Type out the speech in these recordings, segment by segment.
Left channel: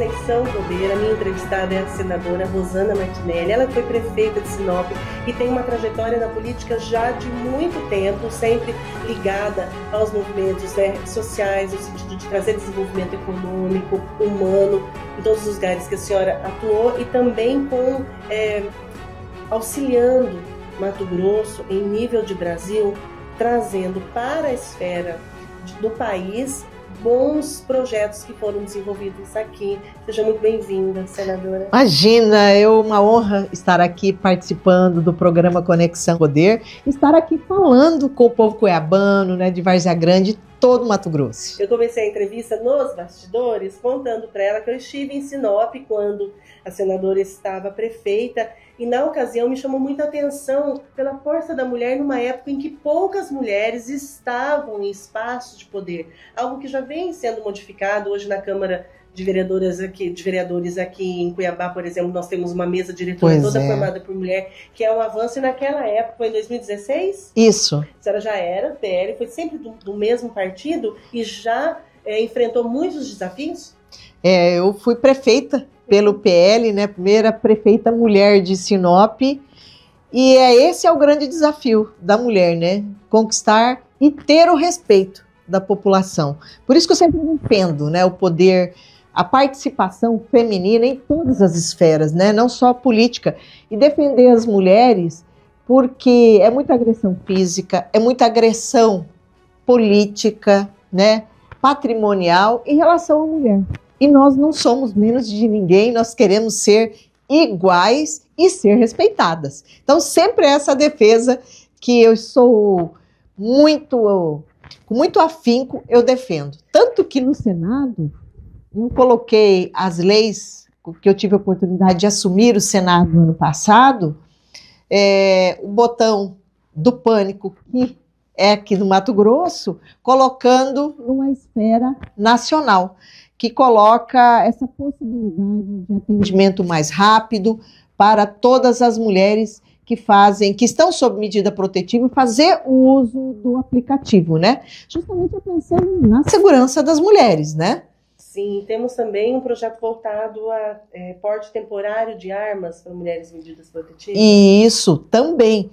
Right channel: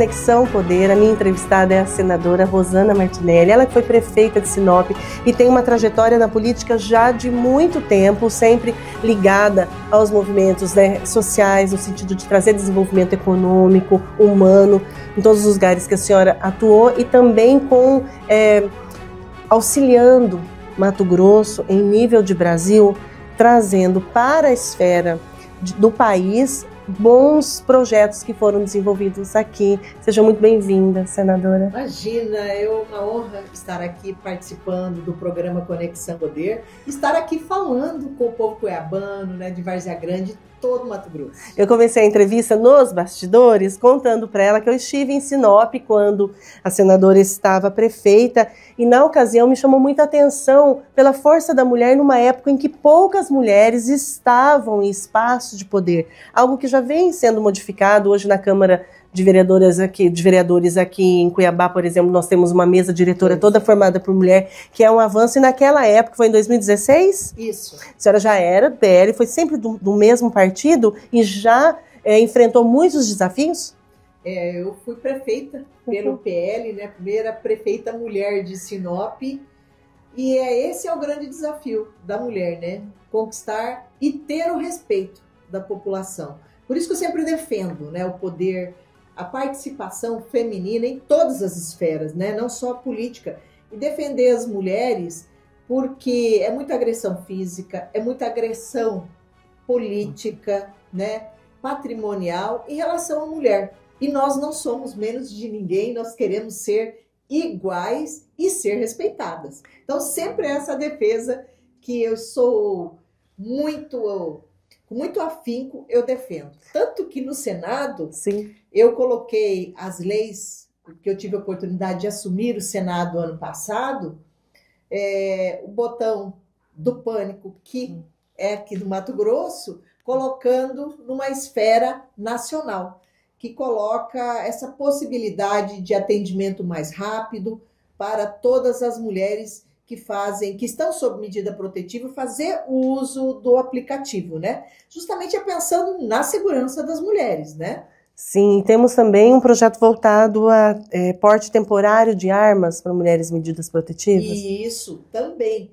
Conexão Poder. A minha entrevistada é a senadora Rosana Martinelli. Ela foi prefeita de Sinop e tem uma trajetória na política já de muito tempo, sempre ligada aos movimentos, né, sociais, no sentido de trazer desenvolvimento econômico, humano, em todos os lugares que a senhora atuou e também com auxiliando Mato Grosso em nível de Brasil, trazendo para a esfera do país bons projetos que foram desenvolvidos aqui. Seja muito bem-vinda, senadora. Imagina, é uma honra estar aqui participando do programa Conexão Poder, estar aqui falando com o povo cuiabano, né, de Várzea Grande, todo Mato Grosso. Eu comecei a entrevista nos bastidores contando para ela que eu estive em Sinop quando a senadora estava prefeita e na ocasião me chamou muita atenção pela força da mulher numa época em que poucas mulheres estavam em espaços de poder, algo que já vem sendo modificado hoje na Câmara de vereadores aqui em Cuiabá, por exemplo, nós temos uma mesa diretora toda formada por mulher, que é um avanço, e naquela época, foi em 2016? Isso. A senhora já era do PL, foi sempre do mesmo partido e já enfrentou muitos desafios? Eu fui prefeita pelo PL, né, primeira prefeita mulher de Sinop, e esse é o grande desafio da mulher, né, conquistar e ter o respeito da população. Por isso que eu sempre defendo, né, o poder, a participação feminina em todas as esferas, né? Não só política. E defender as mulheres, porque é muita agressão física, é muita agressão política, né? Patrimonial em relação à mulher. E nós não somos menos de ninguém, nós queremos ser iguais e ser respeitadas. Então, sempre essa defesa que eu sou com muito afinco, eu defendo. Tanto que no Senado, sim, eu coloquei as leis, que eu tive a oportunidade de assumir o Senado no ano passado, o botão do pânico, que é aqui no Mato Grosso, colocando numa esfera nacional, que coloca essa possibilidade de atendimento mais rápido para todas as mulheres que estão sob medida protetiva, fazer o uso do aplicativo, né? Justamente pensando na segurança das mulheres, né? Sim, temos também um projeto voltado a porte temporário de armas para mulheres medidas protetivas. E isso também,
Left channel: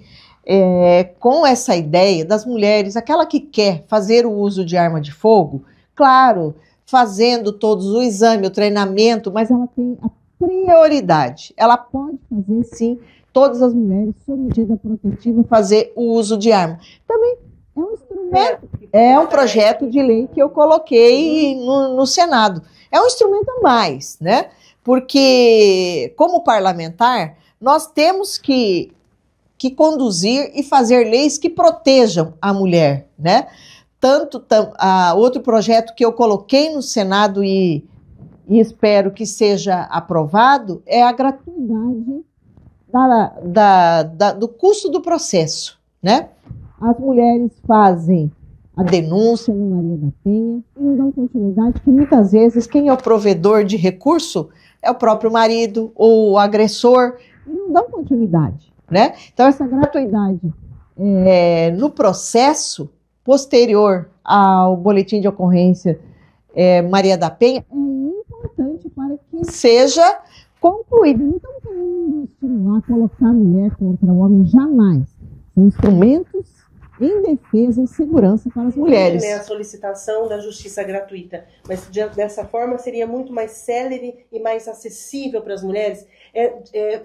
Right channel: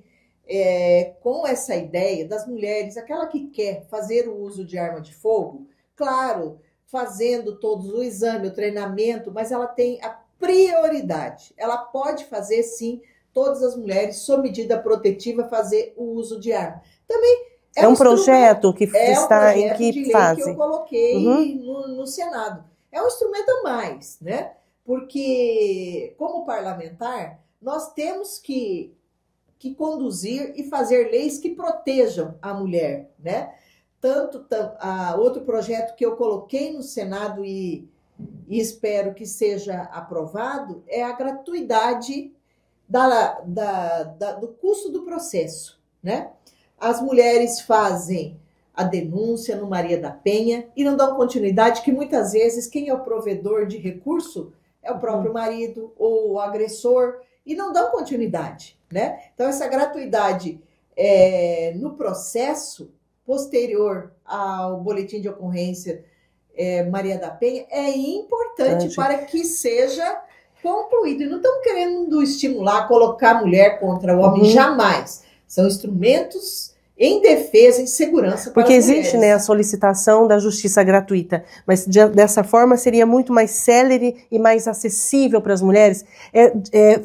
com essa ideia das mulheres, aquela que quer fazer o uso de arma de fogo, claro, fazendo todos o exame, o treinamento, mas ela tem a prioridade. Ela pode fazer, sim, todas as mulheres, sob medida protetiva, fazer o uso de arma. Também é um projeto que um projeto de lei que eu coloquei no Senado. É um instrumento a mais, né? Porque, como parlamentar, nós temos que conduzir e fazer leis que protejam a mulher, né? Outro projeto que eu coloquei no Senado e espero que seja aprovado é a gratuidade do custo do processo, né? As mulheres fazem a denúncia no Maria da Penha e não dão continuidade, que muitas vezes quem é o provedor de recurso é o próprio marido ou o agressor, e não dão continuidade, né? Então essa gratuidade no processo posterior ao boletim de ocorrência Maria da Penha é importante para que seja concluído. E não estamos querendo estimular, colocar a mulher contra o homem, jamais. São instrumentos em defesa, em segurança para as mulheres. Porque existe, né, a solicitação da justiça gratuita, mas dessa forma seria muito mais célere e mais acessível para as mulheres,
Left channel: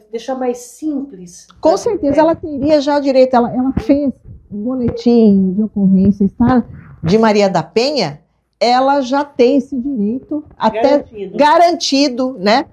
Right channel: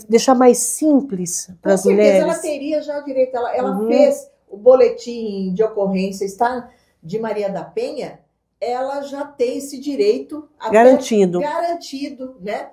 deixar mais simples. Com certeza, ela teria já direito, ela fez o boletim de ocorrência de Maria da Penha, ela já tem esse direito garantido, né?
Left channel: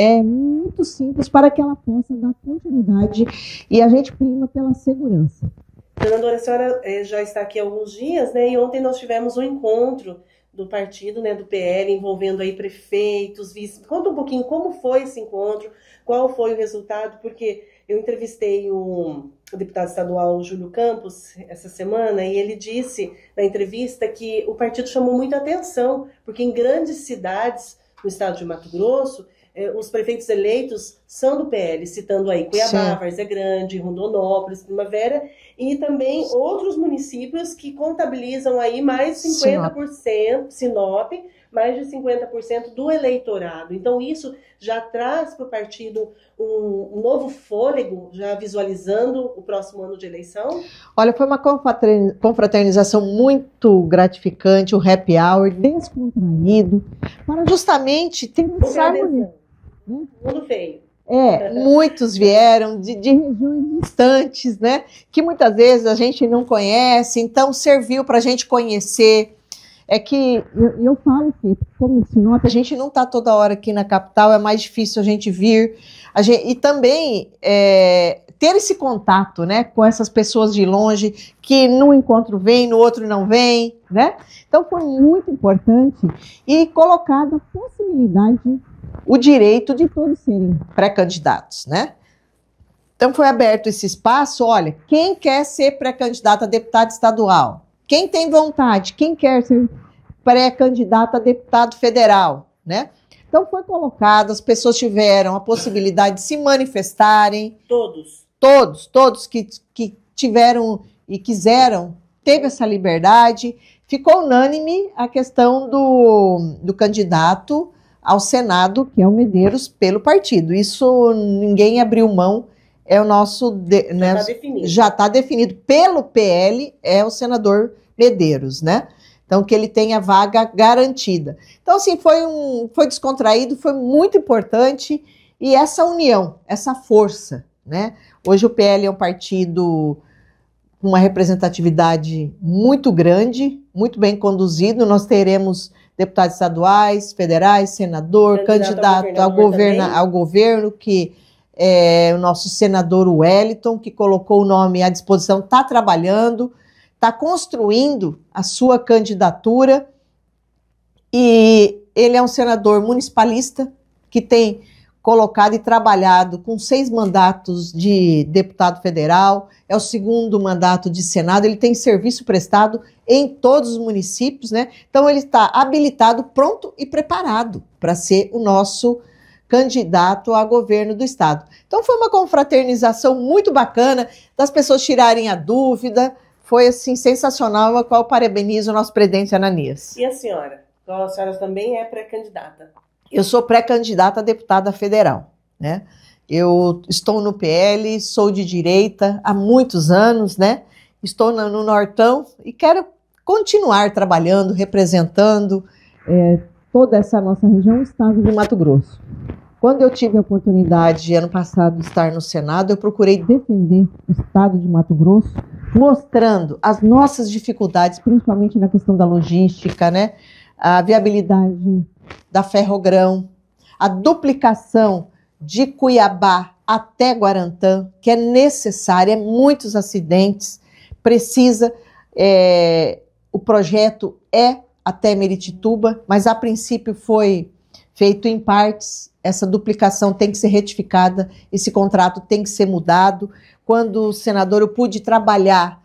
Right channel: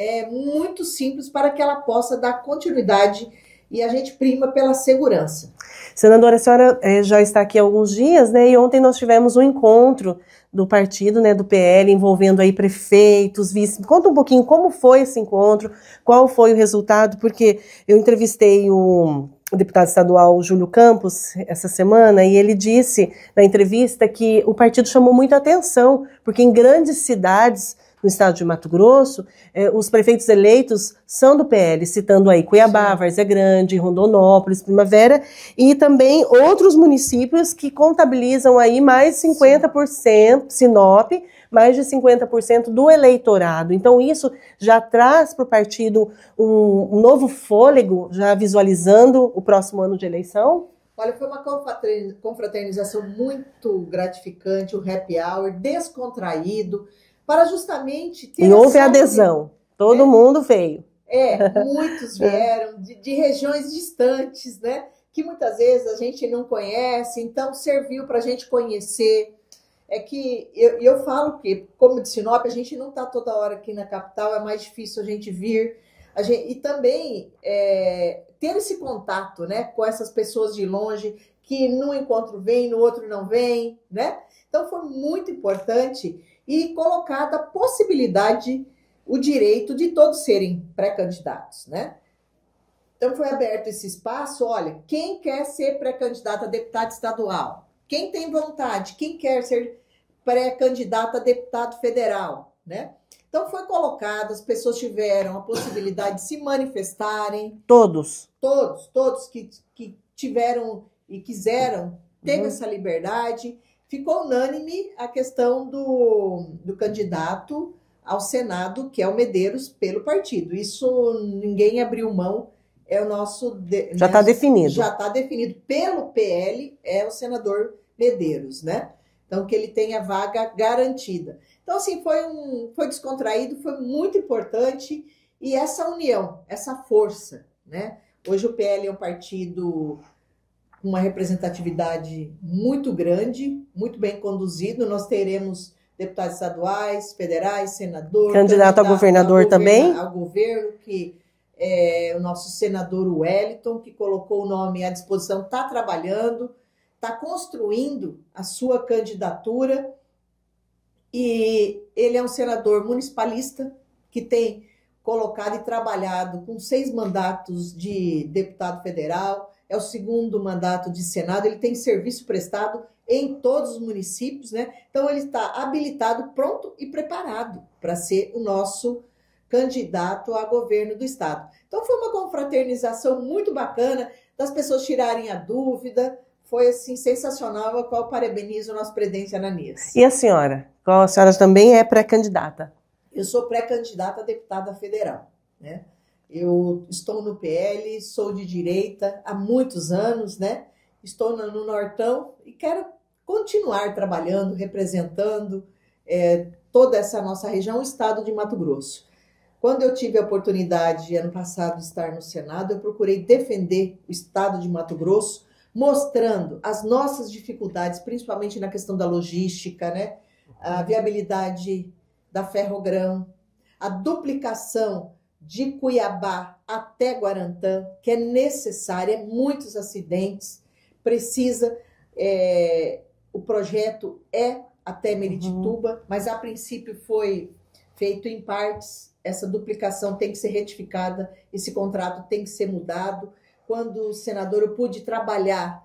É muito simples para que ela possa dar continuidade, e a gente prima pela segurança. Senadora, a senhora já está aqui há alguns dias, né? E ontem nós tivemos um encontro do partido, né, do PL, envolvendo aí prefeitos, vice. Conta um pouquinho como foi esse encontro, qual foi o resultado, porque eu entrevistei o deputado estadual Júlio Campos essa semana, e ele disse na entrevista que o partido chamou muita atenção, porque em grandes cidades no estado de Mato Grosso, os prefeitos eleitos são do PL, citando aí Cuiabá, sim, Várzea Grande, Rondonópolis, Primavera, e também outros municípios que contabilizam aí mais 50%, Sinop, mais de 50% do eleitorado. Então, isso já traz para o partido um novo fôlego, já visualizando o próximo ano de eleição? Olha, foi uma confraternização muito gratificante, o happy hour, descontraído, para justamente ter e houve adesão, todo mundo veio. Muitos vieram de regiões distantes, né? Que muitas vezes a gente não conhece, então serviu para a gente conhecer. É que eu falo que, como de Sinop, a gente não está toda hora aqui na capital, é mais difícil a gente vir. E também ter esse contato, né, com essas pessoas de longe, que num encontro vem, no outro não vem, né? Então foi muito importante e colocada a possibilidade, o direito de todos serem pré-candidatos, né? Então foi aberto esse espaço, olha, quem quer ser pré-candidato a deputado estadual? Quem tem vontade? Quem quer ser pré-candidato a deputado federal, né? Então foi colocado, as pessoas tiveram a possibilidade de se manifestarem. Todos que tiveram e quiseram, teve essa liberdade. Ficou unânime a questão do candidato ao Senado, que é o Medeiros, pelo partido. Isso ninguém abriu mão, é o nosso... Já está definido. Já está definido. Pelo PL, é o senador Medeiros, né? Então, que ele tenha vaga garantida. Então, assim, foi descontraído, foi muito importante. E essa união, essa força, né? Hoje o PL é um partido com uma representatividade muito grande, muito bem conduzido. Nós teremos deputados estaduais, federais, senador, candidato a governador também, ao governo, que é o nosso senador Wellington, que colocou o nome à disposição, está trabalhando, está construindo a sua candidatura, e ele é um senador municipalista que tem colocado e trabalhado com 6 mandatos de deputado federal, é o 2º mandato de Senado, ele tem serviço prestado em todos os municípios, né? Então ele está habilitado, pronto e preparado para ser o nosso candidato a governo do estado. Então foi uma confraternização muito bacana, das pessoas tirarem a dúvida, foi assim sensacional, a qual parabenizo o nosso presidente Ananias. E a senhora? A senhora também é pré-candidata? Eu sou pré-candidata a deputada federal, né? Eu estou no PL, sou de direita há muitos anos, né? Estou no Nortão e quero continuar trabalhando, representando toda essa nossa região, o estado de Mato Grosso. Quando eu tive a oportunidade, ano passado, de estar no Senado, eu procurei defender o estado de Mato Grosso, mostrando as nossas dificuldades, principalmente na questão da logística, né? A viabilidade da Ferrogrão, a duplicação de Cuiabá até Guarantã, que é necessária, muitos acidentes, precisa, o projeto é até Meritituba, mas a princípio foi feito em partes, essa duplicação tem que ser retificada, esse contrato tem que ser mudado. Quando senador, eu pude trabalhar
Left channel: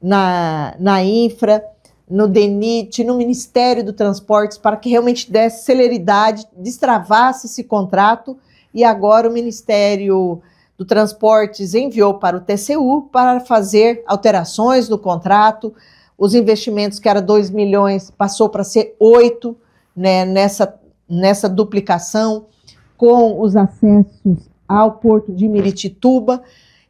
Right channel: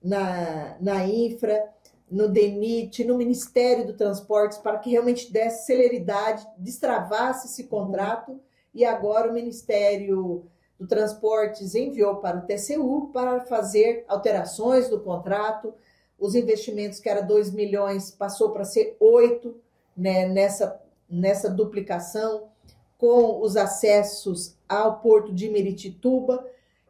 na infra, no DENIT, no Ministério do Transportes, para que realmente desse celeridade, destravasse esse contrato, e agora o Ministério do Transportes enviou para o TCU para fazer alterações no contrato. Os investimentos, que era 2 milhões, passou para ser 8, né, nessa duplicação, com os acessos ao Porto de Meritituba.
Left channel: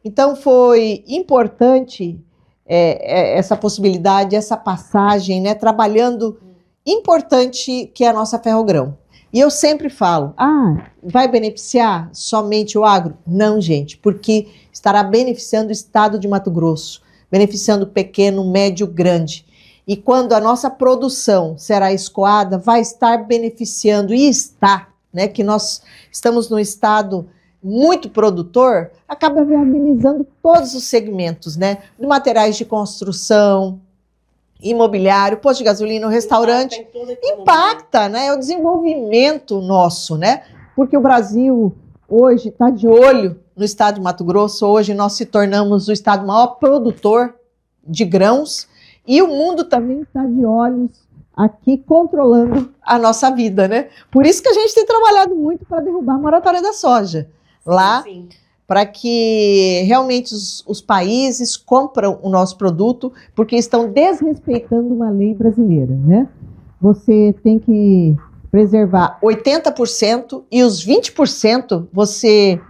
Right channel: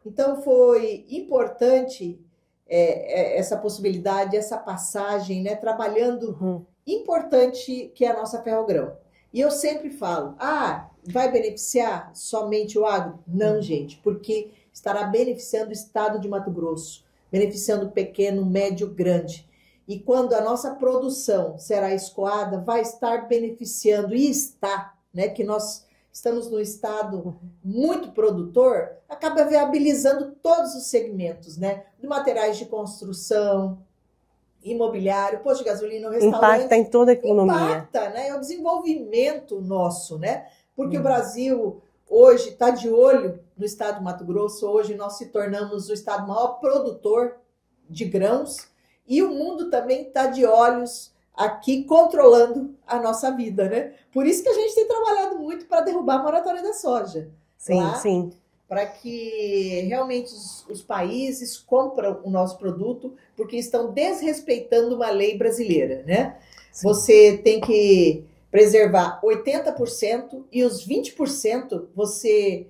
Então foi importante essa possibilidade, essa passagem, né, trabalhando, importante, que é a nossa Ferrogrão. E eu sempre falo, vai beneficiar somente o agro? Não, gente, porque estará beneficiando o estado de Mato Grosso, beneficiando o pequeno, médio, grande. E quando a nossa produção será escoada, vai estar beneficiando, e está, né, que nós estamos num estado muito produtor, acaba viabilizando todos os segmentos, né, de materiais de construção, imobiliário, posto de gasolina, restaurante. Impacta em toda a economia. Impacta, né? É o desenvolvimento nosso, né? Porque o Brasil hoje está de olho no estado de Mato Grosso. Hoje nós se tornamos o estado maior produtor de grãos, e o mundo também está de olhos aqui controlando a nossa vida, né? Por isso que a gente tem trabalhado muito para derrubar a moratória da soja. Sim, lá, sim. Para que realmente os países compram o nosso produto, porque estão desrespeitando uma lei brasileira, né? você tem que preservar 80% e os 20% você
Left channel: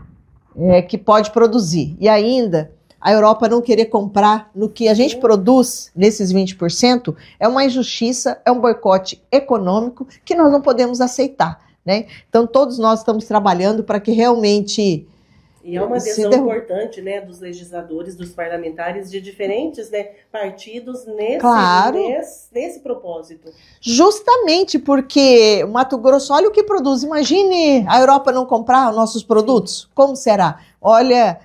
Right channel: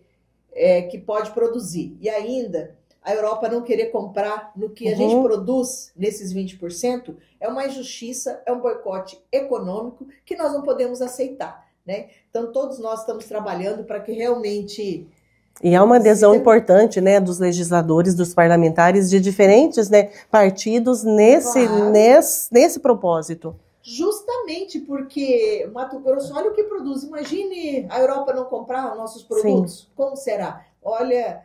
que pode produzir. E ainda, a Europa não querer comprar no que a gente produz nesses 20% é uma injustiça, é um boicote econômico que nós não podemos aceitar, né? Então, todos nós estamos trabalhando para que realmente... E há uma adesão importante, né, dos legisladores, dos parlamentares de diferentes, né, partidos nesse propósito. Justamente porque o Mato Grosso, olha o que produz. Imagine a Europa não comprar os nossos produtos. Sim. Como será? Olha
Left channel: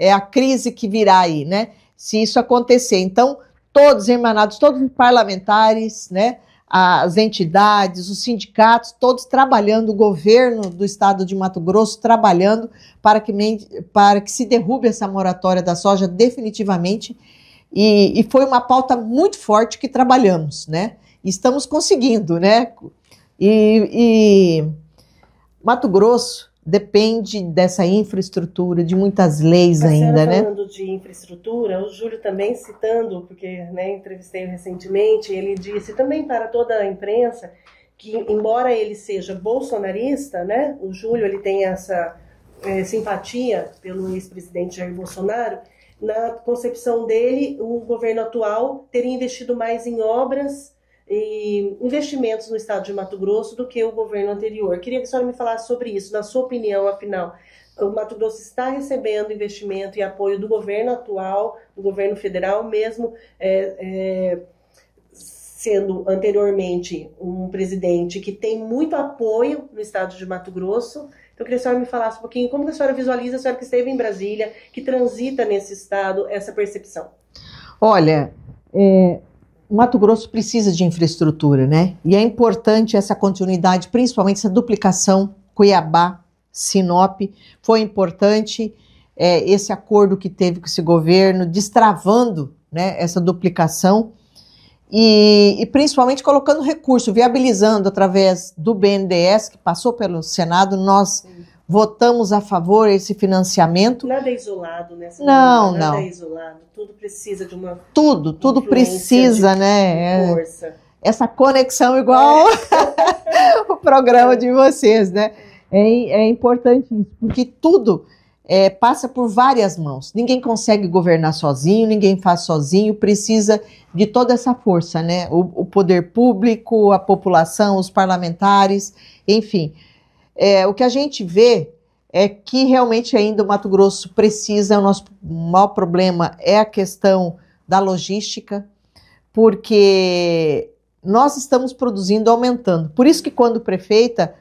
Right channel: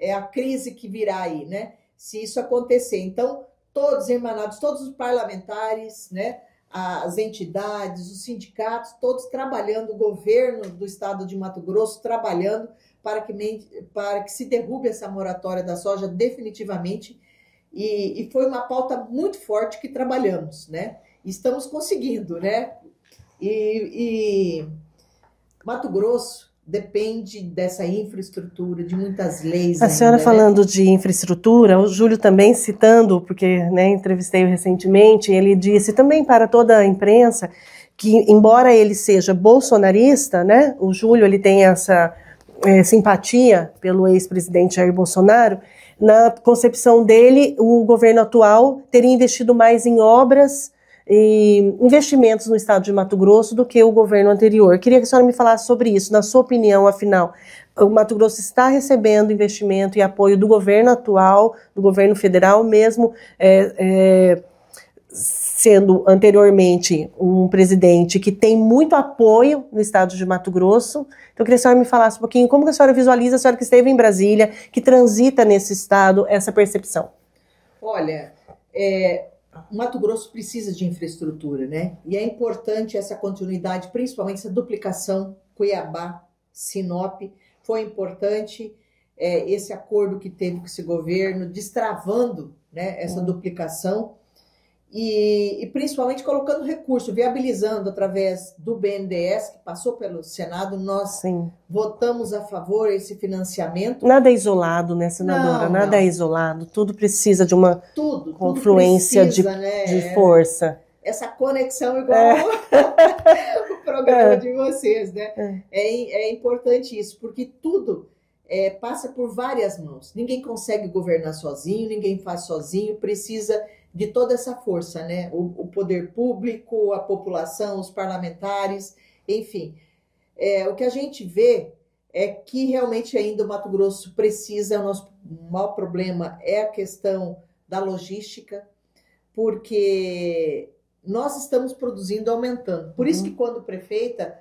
a crise que virá aí, né? Se isso acontecer. Então, todos irmanados, todos os parlamentares, né? As entidades, os sindicatos, todos trabalhando, o governo do estado de Mato Grosso trabalhando para que se derrube essa moratória da soja definitivamente. E foi uma pauta muito forte que trabalhamos, né? Estamos conseguindo, né? E Mato Grosso depende dessa infraestrutura, de muitas leis ainda, né? A senhora falando de infraestrutura, o Júlio também citando, porque entrevistei-o recentemente, ele disse também para toda a imprensa que, embora ele seja bolsonarista, né, o Júlio ele tem essa simpatia pelo ex-presidente Jair Bolsonaro, na concepção dele, o governo atual teria investido mais em obras e investimentos no estado de Mato Grosso do que o governo anterior. Queria que a senhora me falasse sobre isso, na sua opinião, afinal, o Mato Grosso está recebendo investimento e apoio do governo atual, do governo federal, mesmo sendo anteriormente um presidente que tem muito apoio no estado de Mato Grosso. Então, eu queria que a senhora me falasse um pouquinho como que a senhora visualiza, a senhora que esteve em Brasília, que transita nesse estado, essa percepção. Olha, o Mato Grosso precisa de infraestrutura, né? E é importante essa continuidade, principalmente essa duplicação Cuiabá, Sinop. Foi importante esse acordo que teve com esse governo, destravando, né, essa duplicação e principalmente colocando recurso, viabilizando através do BNDES, que passou pelo Senado, nós votamos a favor desse financiamento. Nada é isolado, né, senadora? Nada é isolado, tudo precisa de uma tudo precisa, né, de força. Essa conexão igual o programa de vocês, né? É importante isso, porque tudo passa por várias mãos. Ninguém consegue governar sozinho, ninguém faz sozinho, precisa de toda essa força, né? O poder público, a população, os parlamentares, enfim. O que a gente vê é que realmente ainda o Mato Grosso precisa, o nosso maior problema é a questão da logística, porque nós estamos produzindo, aumentando. Por isso que quando prefeita,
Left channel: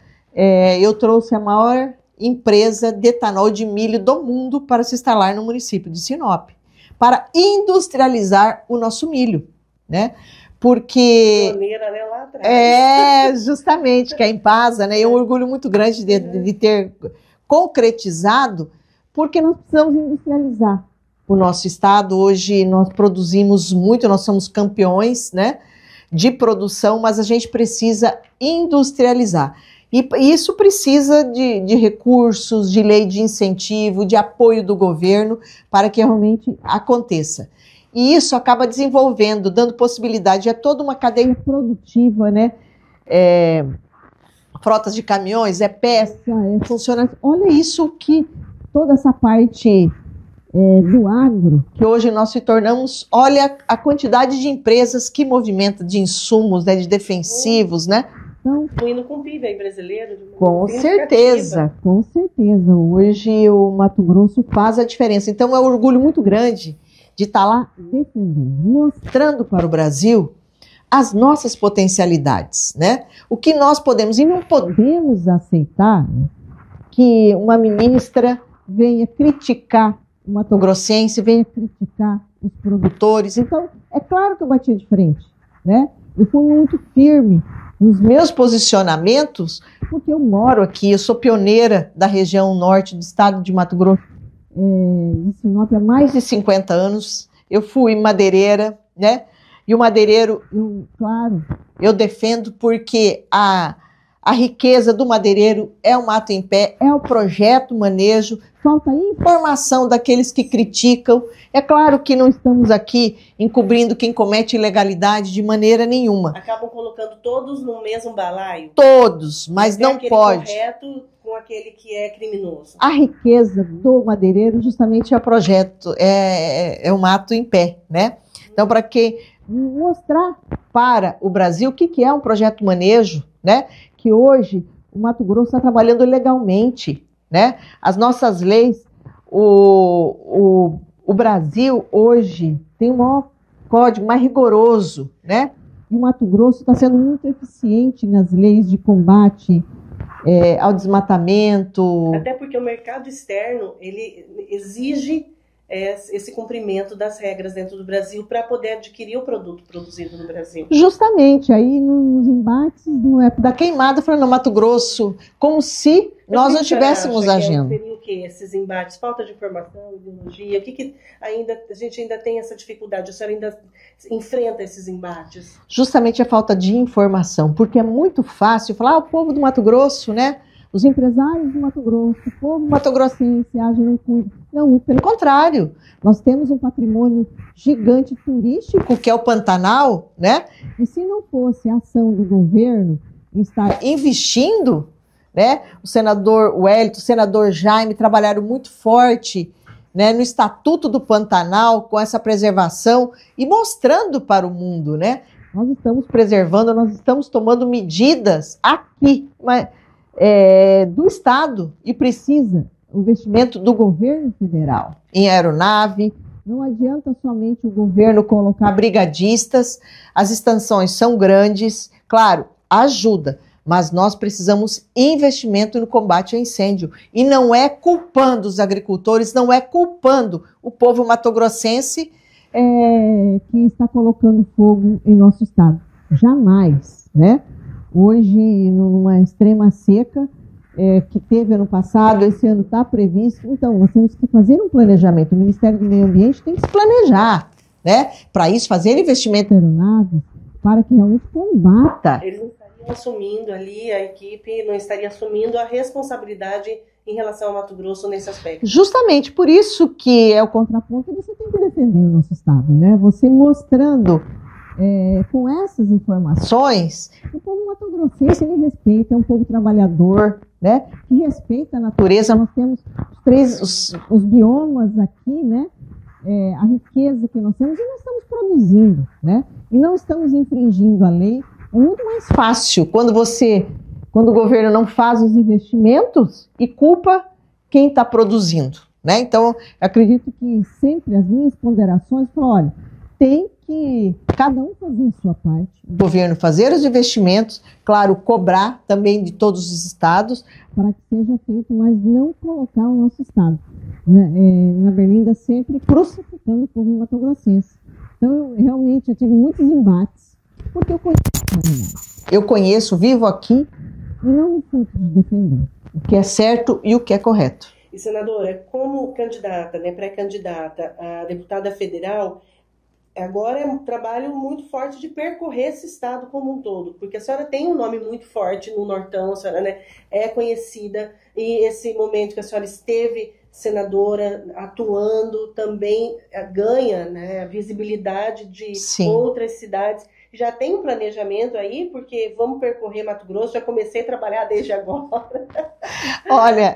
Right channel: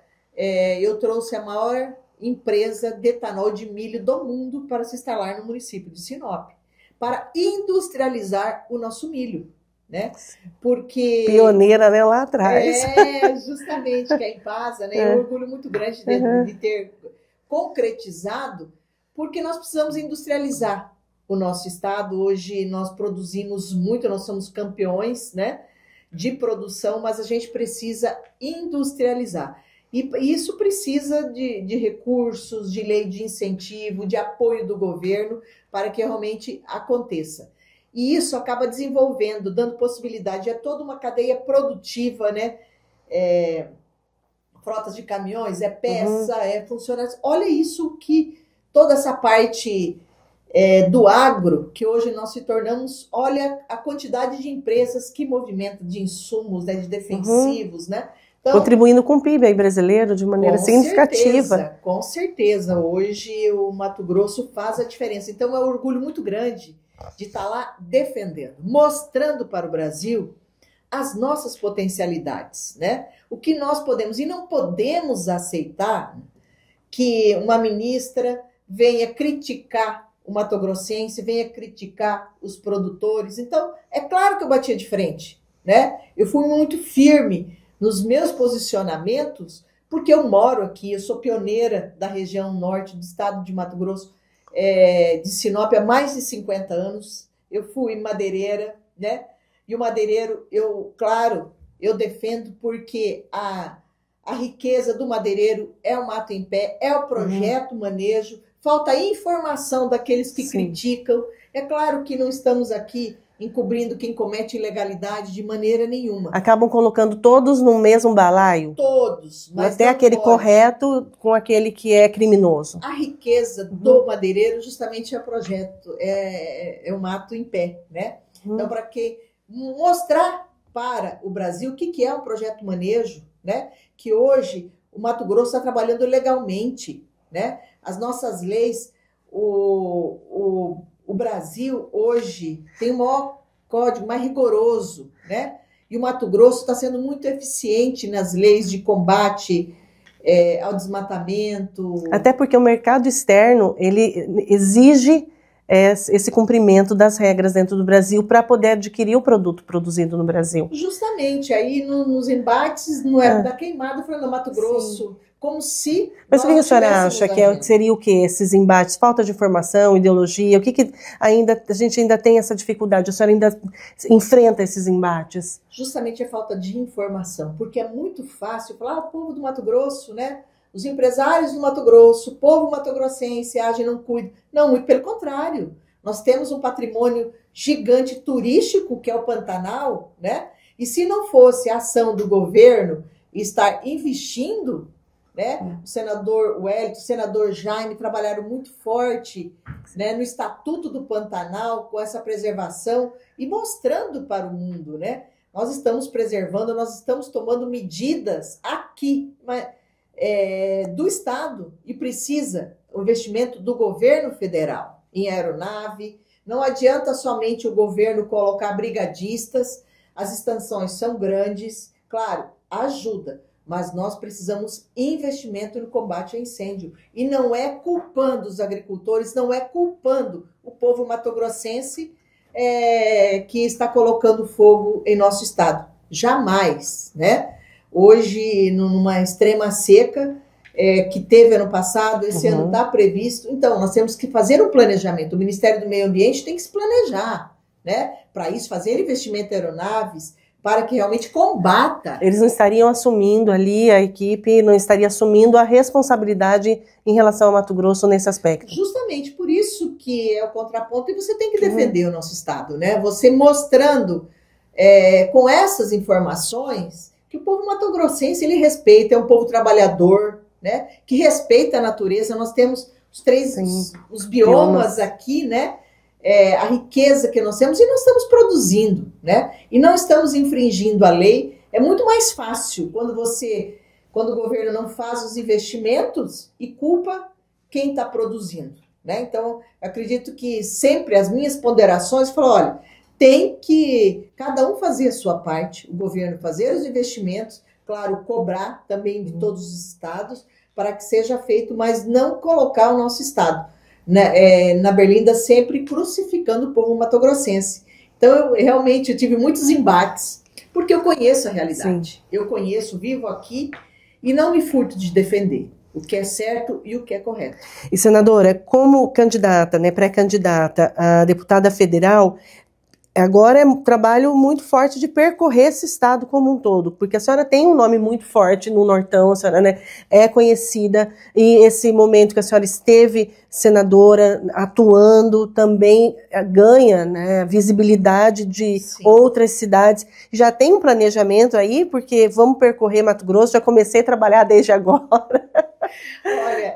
eu trouxe a maior empresa de etanol de milho do mundo para se instalar no município de Sinop, para industrializar o nosso milho, né? Porque... Pioneira, né, lá atrás. Justamente, que é a Impasa, né? É um orgulho muito grande de ter concretizado, porque nós precisamos industrializar o nosso estado. Hoje nós produzimos muito, nós somos campeões, né, de produção, mas a gente precisa industrializar. E isso precisa de recursos, de lei de incentivo, de apoio do governo para que realmente aconteça. E isso acaba desenvolvendo, dando possibilidade a toda uma cadeia produtiva, né? Frotas de caminhões, peça, funcionários. Olha isso que toda essa parte do agro, que hoje nós se tornamos, olha a quantidade de empresas que movimentam de insumos, né, de defensivos, né? Então, contribuindo com o PIB aí brasileiro de maneira significativa. Com certeza. Hoje o Mato Grosso faz a diferença. Então é um orgulho muito grande de estar lá defendendo, mostrando para o Brasil as nossas potencialidades, né? O que nós podemos, e não podemos aceitar que uma ministra venha criticar o mato-grossense, venha criticar os produtores. Então, é claro que eu batia de frente, né? Eu fui muito firme nos meus posicionamentos, porque eu moro aqui, eu sou pioneira da região norte do estado de Mato Grosso, de Sinop, há mais de 50 anos. Eu fui madeireira, né? E o madeireiro, eu defendo porque a riqueza do madeireiro é o mato em pé, é o projeto manejo, falta informação daqueles que criticam. É claro que não estamos aqui encobrindo quem comete ilegalidade de maneira nenhuma. Acabam colocando todos no mesmo balaio? Todos, mas não aquele pode. Correto com aquele que é criminoso. A riqueza do madeireiro justamente é o projeto, é um ato em pé, né? Então, para que mostrar para o Brasil o que é um projeto manejo, né? Que hoje o Mato Grosso está trabalhando legalmente, né? As nossas leis, o Brasil hoje tem o maior código, mais rigoroso, né? E o Mato Grosso está sendo muito eficiente nas leis de combate ao desmatamento. Até porque o mercado externo, ele exige esse cumprimento das regras dentro do Brasil para poder adquirir o produto produzido no Brasil. Justamente, aí nos embates da queimada, falando no Mato Grosso, como se nós não estivéssemos agindo. Seria o que esses embates? Falta de informação, ideologia? O que a gente ainda tem essa dificuldade? A senhora ainda enfrenta esses embates? Justamente a falta de informação, porque é muito fácil falar, o povo do Mato Grosso, né? Os empresários do Mato Grosso, o povo mato-grossense age e não cuida. Não, muito pelo contrário. Nós temos um patrimônio gigante turístico, que é o Pantanal, né? E se não fosse a ação do governo estar investindo, né? O senador Wellington, o senador Jaime trabalharam muito forte, né, no Estatuto do Pantanal, com essa preservação e mostrando para o mundo, né? Nós estamos preservando, nós estamos tomando medidas aqui, mas do Estado, e precisa o investimento do governo federal em aeronave. Não adianta somente o governo colocar brigadistas, as extensões são grandes, claro, ajuda, mas nós precisamos investimento no combate ao incêndio. E não é culpando os agricultores, não é culpando o povo matogrossense que está colocando fogo em nosso estado. Jamais, né? Hoje, numa extrema seca que teve ano passado, esse ano está previsto. Então, nós temos que fazer um planejamento. O Ministério do Meio Ambiente tem que se planejar, né? Para isso, fazer investimento em aeronaves, para que realmente combata. Eles não estariam assumindo ali, a equipe não estaria assumindo a responsabilidade em relação ao Mato Grosso nesse aspecto. Justamente, por isso que é o contraponto, e você tem que defender o nosso estado, né? Você mostrando com essas informações que o povo matogrossense, ele respeita, é um povo trabalhador, né? Que respeita a natureza. Nós temos os biomas aqui, né? A riqueza que nós temos, e nós estamos produzindo, né? E não estamos infringindo a lei. É muito mais fácil quando o governo não faz os investimentos e culpa quem está produzindo, né? Então, acredito que sempre as minhas ponderações falam, olha, tem que cada um fazer a sua parte, o governo fazer os investimentos, claro, cobrar também de todos os estados para que seja feito, mas não colocar o nosso estado na berlinda sempre crucificando o povo matogrossense. Então, realmente, eu tive muitos embates, porque eu conheço a realidade. Sim. Eu conheço, vivo aqui e não me furto de defender o que é certo e o que é correto. E, senadora, como candidata, né, pré-candidata a deputada federal, agora é um trabalho muito forte de percorrer esse estado como um todo, porque a senhora tem um nome muito forte no Nortão, a senhora, né, é conhecida, e esse momento que a senhora esteve senadora, atuando, também ganha, né, visibilidade de Sim. outras cidades. Já tem um planejamento aí, porque vamos percorrer Mato Grosso, já comecei a trabalhar desde agora. Olha,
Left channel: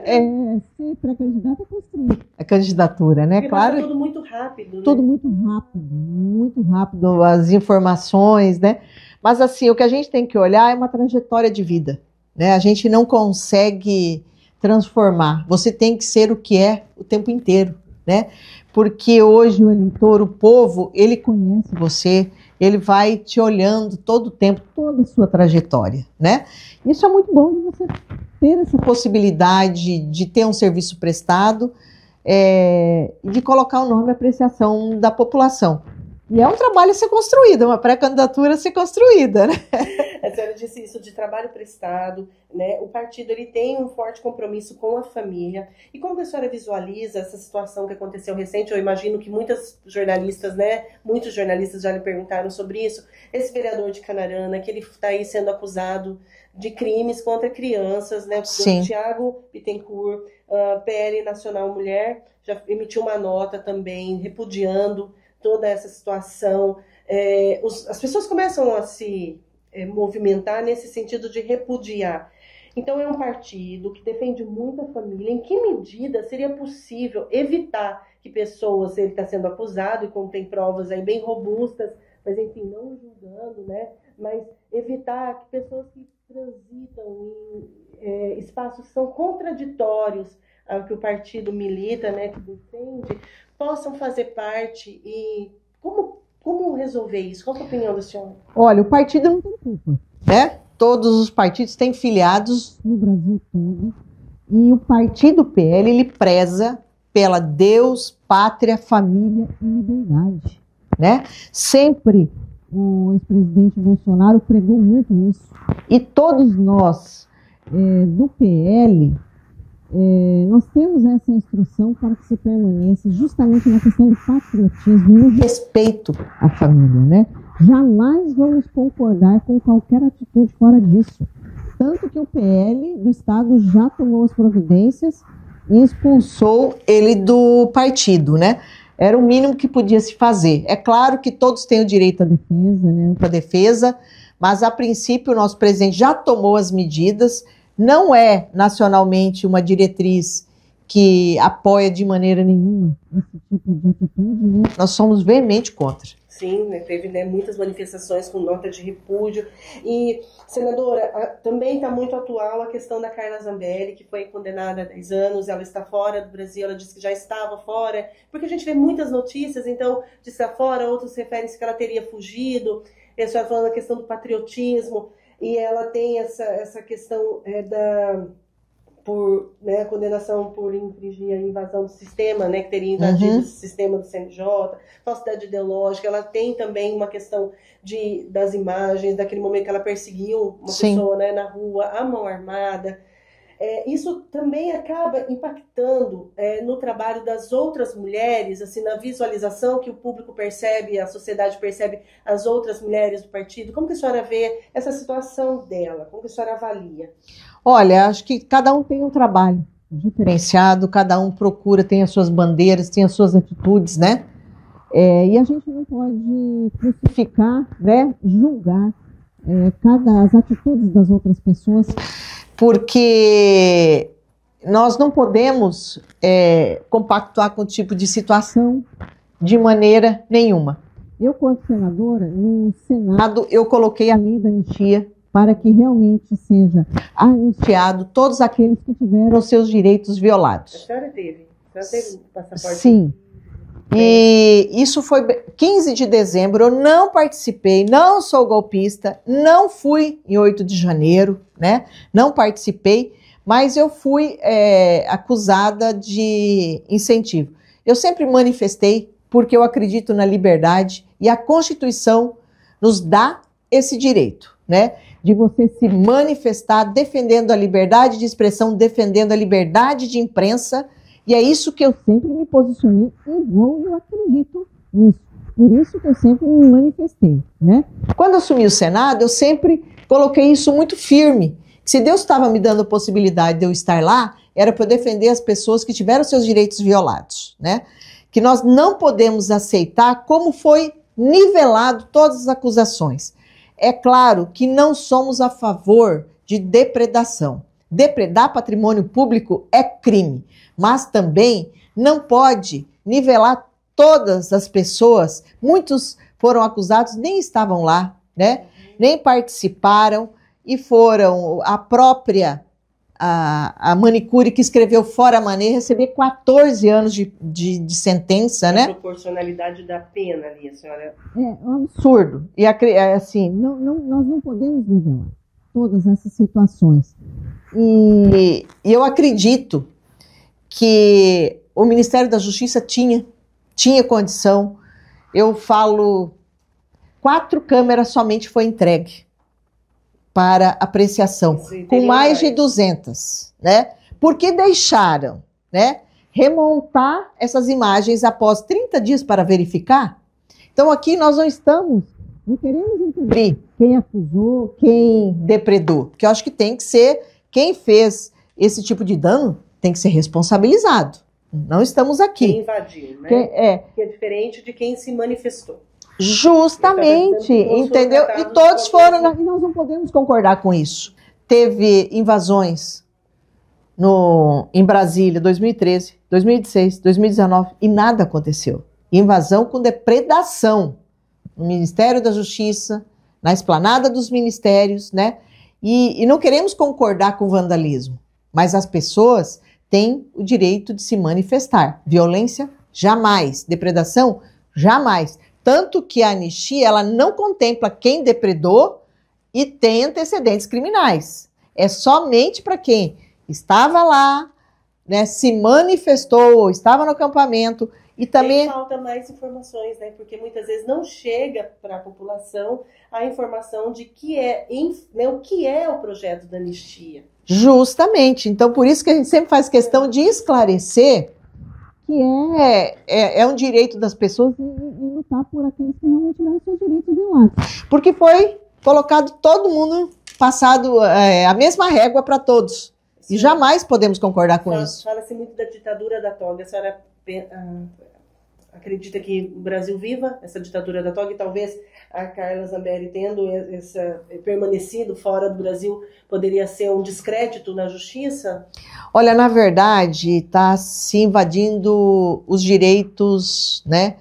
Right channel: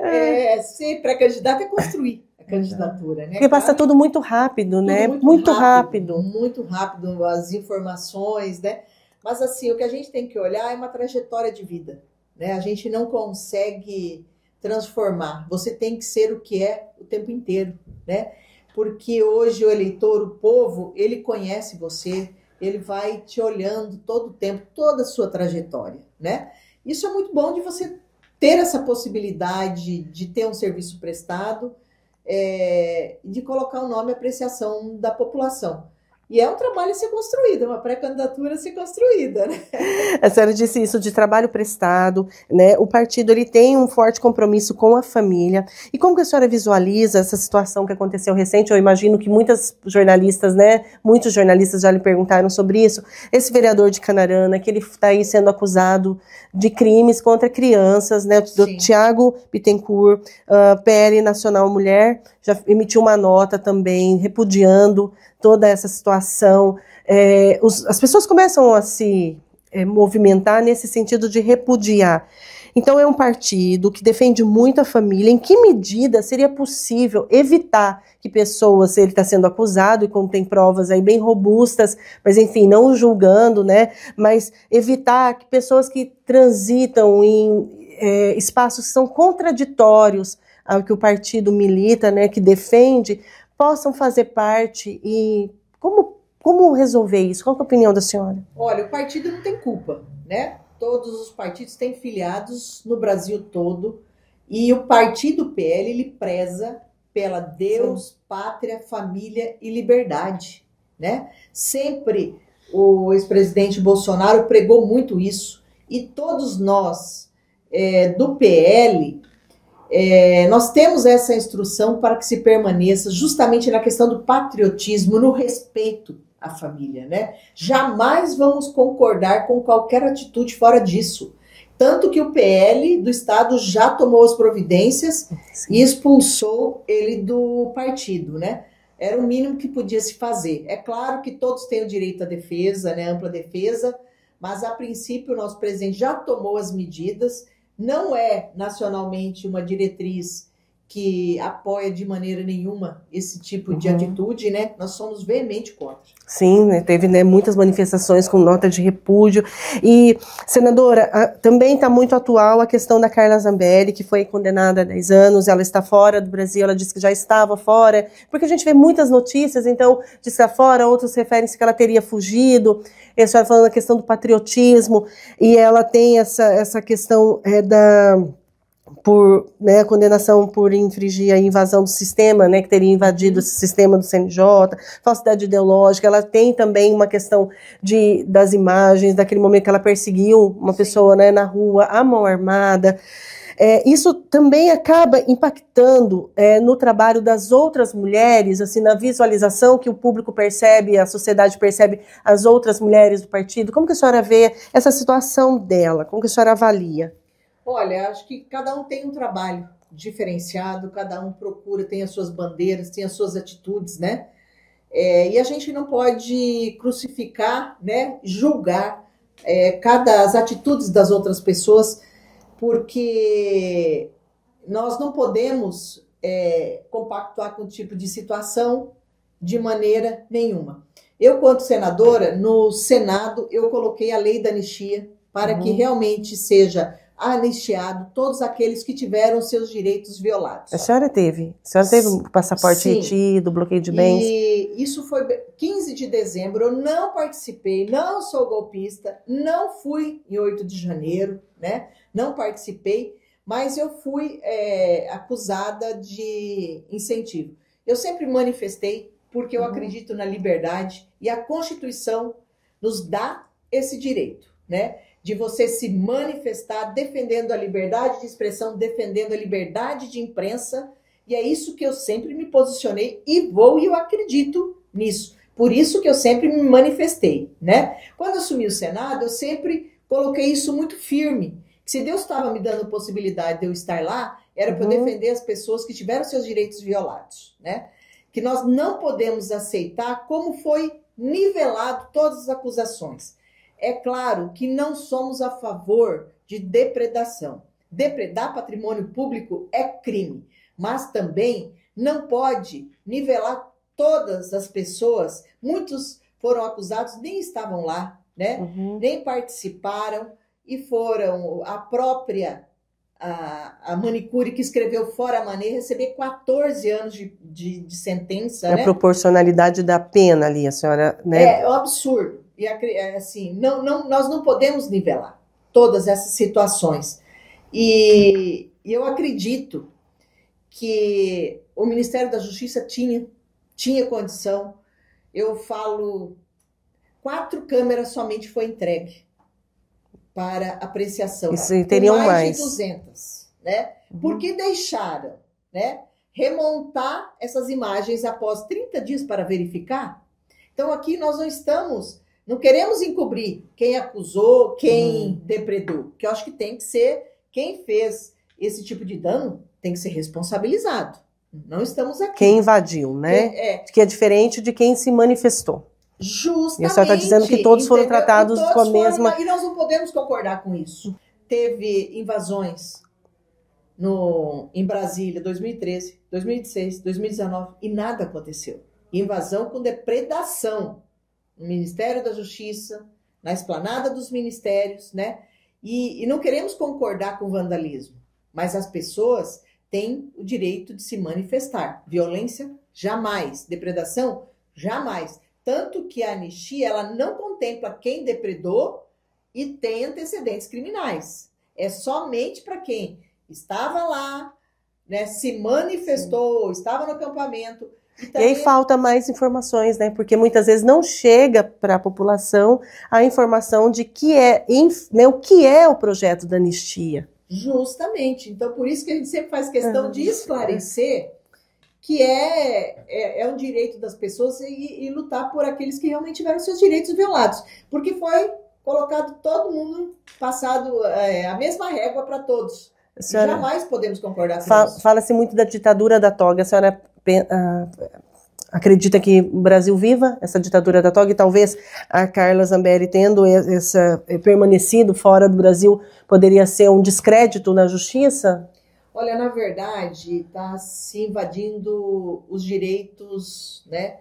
ser pré-candidata é construir a candidatura, né? Porque passa tudo muito rápido, né? Muito rápido. Muito rápido as informações, né? Mas assim, o que a gente tem que olhar é uma trajetória de vida, né? A gente não consegue transformar. Você tem que ser o que é o tempo inteiro, né? Porque hoje o eleitor, o povo, ele conhece você, ele vai te olhando todo o tempo, toda a sua trajetória, né? Isso é muito bom de você ter essa possibilidade de ter um serviço prestado, de colocar o nome e apreciação da população. E é um trabalho a ser construído, uma pré-candidatura a ser construída, né? A senhora disse isso de trabalho prestado, né? O partido ele tem um forte compromisso com a família. E como que a senhora visualiza essa situação que aconteceu recente? Eu imagino que muitas jornalistas, né? Muitos jornalistas já lhe perguntaram sobre isso. Esse vereador de Canarana, que ele está aí sendo acusado de crimes contra crianças, né? Do Tiago Bittencourt, PL Nacional Mulher, já emitiu uma nota também repudiando toda essa situação. As pessoas começam a se movimentar nesse sentido de repudiar. Então é um partido que defende muito a família. Em que medida seria possível evitar que pessoas, ele está sendo acusado e como tem provas aí bem robustas, mas enfim, não julgando, né? Mas evitar que pessoas que transitam em espaços que são contraditórios ao que o partido milita, né, que defende, possam fazer parte. E como resolver isso? Qual é a opinião da senhora? Olha, o partido não tem culpa, né? Todos os partidos têm filiados no Brasil todo e o partido PL, ele preza pela Deus, pátria, família e liberdade, né? Sempre o ex-presidente Bolsonaro pregou muito isso e todos nós do PL nós temos essa instrução para que se permaneça justamente na questão do patriotismo, no respeito à família, né? Jamais vamos concordar com qualquer atitude fora disso. Tanto que o PL do Estado já tomou as providências e expulsou ele do partido, né? Era o mínimo que podia se fazer. É claro que todos têm o direito à defesa, né? Ampla defesa, mas a princípio o nosso presidente já tomou as medidas. Não é nacionalmente uma diretriz que apoia de maneira nenhuma esse tipo de atitude, né? Nós somos veemente contra. Sim, né? Teve, né, muitas manifestações com nota de repúdio. E, senadora, também está muito atual a questão da Carla Zambelli, que foi condenada a 10 anos, ela está fora do Brasil, ela disse que já estava fora, porque a gente vê muitas notícias, então, de estar fora, outros referem-se que ela teria fugido. E a senhora falando da questão do patriotismo, e ela tem essa questão a condenação por infringir a invasão do sistema, né, que teria invadido esse sistema do CNJ, falsidade ideológica. Ela tem também uma questão das imagens, daquele momento que ela perseguiu uma pessoa, né, na rua, à mão armada. Isso também acaba impactando no trabalho das outras mulheres, assim, na visualização que o público percebe, a sociedade percebe as outras mulheres do partido. Como que a senhora vê essa situação dela? Como que a senhora avalia? Olha, acho que cada um tem um trabalho diferenciado, cada um procura, tem as suas bandeiras, tem as suas atitudes, né? E a gente não pode crucificar, né, julgar as atitudes das outras pessoas, porque nós não podemos compactuar com o tipo de situação de maneira nenhuma. Eu, quanto senadora, no Senado, eu coloquei a lei da anistia para que realmente seja anistiado todos aqueles que tiveram seus direitos violados. A senhora teve o passaporte retido, bloqueio de bens? E isso foi 15 de dezembro, eu não participei, não sou golpista, não fui em 8 de janeiro, né? Não participei, mas eu fui acusada de incentivo. Eu sempre manifestei porque eu acredito na liberdade e a Constituição nos dá esse direito, né? De você se manifestar defendendo a liberdade de expressão, defendendo a liberdade de imprensa, e é isso que eu sempre me posicionei e eu acredito nisso. Por isso que eu sempre me manifestei, né? Quando eu assumi o Senado, eu sempre coloquei isso muito firme. Se Deus estava me dando a possibilidade de eu estar lá, era para eu defender as pessoas que tiveram seus direitos violados, né? Que nós não podemos aceitar como foi nivelado todas as acusações. É claro que não somos a favor de depredação. Depredar patrimônio público é crime, mas também não pode nivelar todas as pessoas. Muitos foram acusados, nem estavam lá, né? Nem participaram e foram a própria a manicure que escreveu Fora Mané receber 14 anos de sentença, né? A proporcionalidade da pena ali, a senhora, né? É um absurdo. E assim, nós não podemos nivelar todas essas situações. E eu acredito que o Ministério da Justiça tinha condição eu falo, 4 câmeras somente foi entregue para apreciação, com mais de 200, né? Porque deixaram, né, remontar essas imagens após 30 dias para verificar. Então aqui nós não queremos encobrir quem acusou, quem depredou, porque eu acho que tem que ser, quem fez esse tipo de dano tem que ser responsabilizado. Não estamos aqui. Quem invadiu, né? Que é diferente de quem se manifestou. Justamente. Você está dizendo que todos foram tratados e nós não podemos concordar com isso. Teve invasões em Brasília, 2013, 2016, 2019, e nada aconteceu. Invasão com depredação no Ministério da Justiça, na esplanada dos ministérios, né? E não queremos concordar com o vandalismo, mas as pessoas têm o direito de se manifestar. Violência, jamais. Depredação, jamais. Tanto que a anistia, ela não contempla quem depredou e tem antecedentes criminais. É somente para quem estava lá, né, se manifestou, estava no acampamento. E também falta mais informações, né? Porque muitas vezes não chega para a população a informação de o que é o projeto da anistia. Justamente. Então, por isso que a gente sempre faz questão de esclarecer que é um direito das pessoas e lutar por aqueles que realmente tiveram seus direitos violados. Porque foi colocado todo mundo, passado a mesma régua para todos. E jamais podemos concordar com isso. Fala-se muito da ditadura da toga. A senhora acredita que o Brasil viva essa ditadura da toga e talvez a Carla Zambelli tendo permanecido fora do Brasil poderia ser um descrédito na justiça? Olha, na verdade, está se invadindo os direitos, né,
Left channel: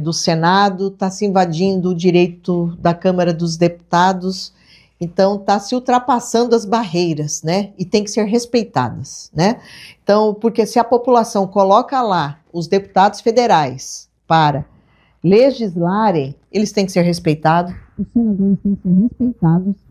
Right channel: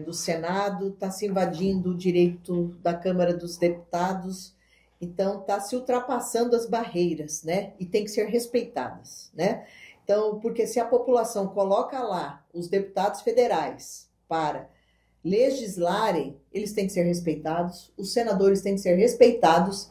do Senado, está se invadindo o direito da Câmara dos Deputados, então está se ultrapassando as barreiras, né, e tem que ser respeitadas, né. Então, porque se a população coloca lá os deputados federais para legislarem, eles têm que ser respeitados, os senadores têm que ser respeitados,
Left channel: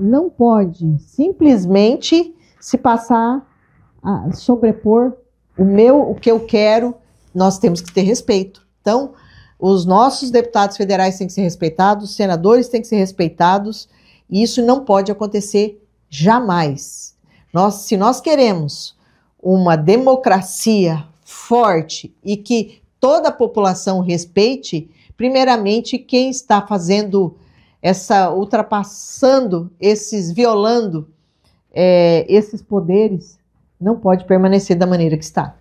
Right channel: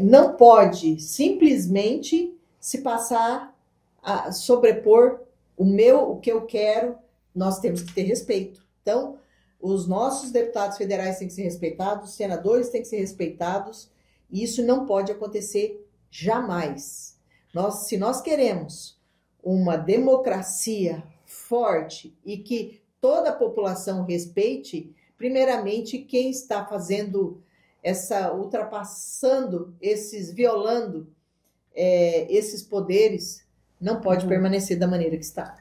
não pode simplesmente se passar a sobrepor o que eu quero, nós temos que ter respeito. Então, os nossos deputados federais têm que ser respeitados, os senadores têm que ser respeitados, e isso não pode acontecer jamais. Se nós queremos uma democracia forte e que toda a população respeite, primeiramente quem está fazendo ultrapassando violando esses poderes, não pode permanecer da maneira que está.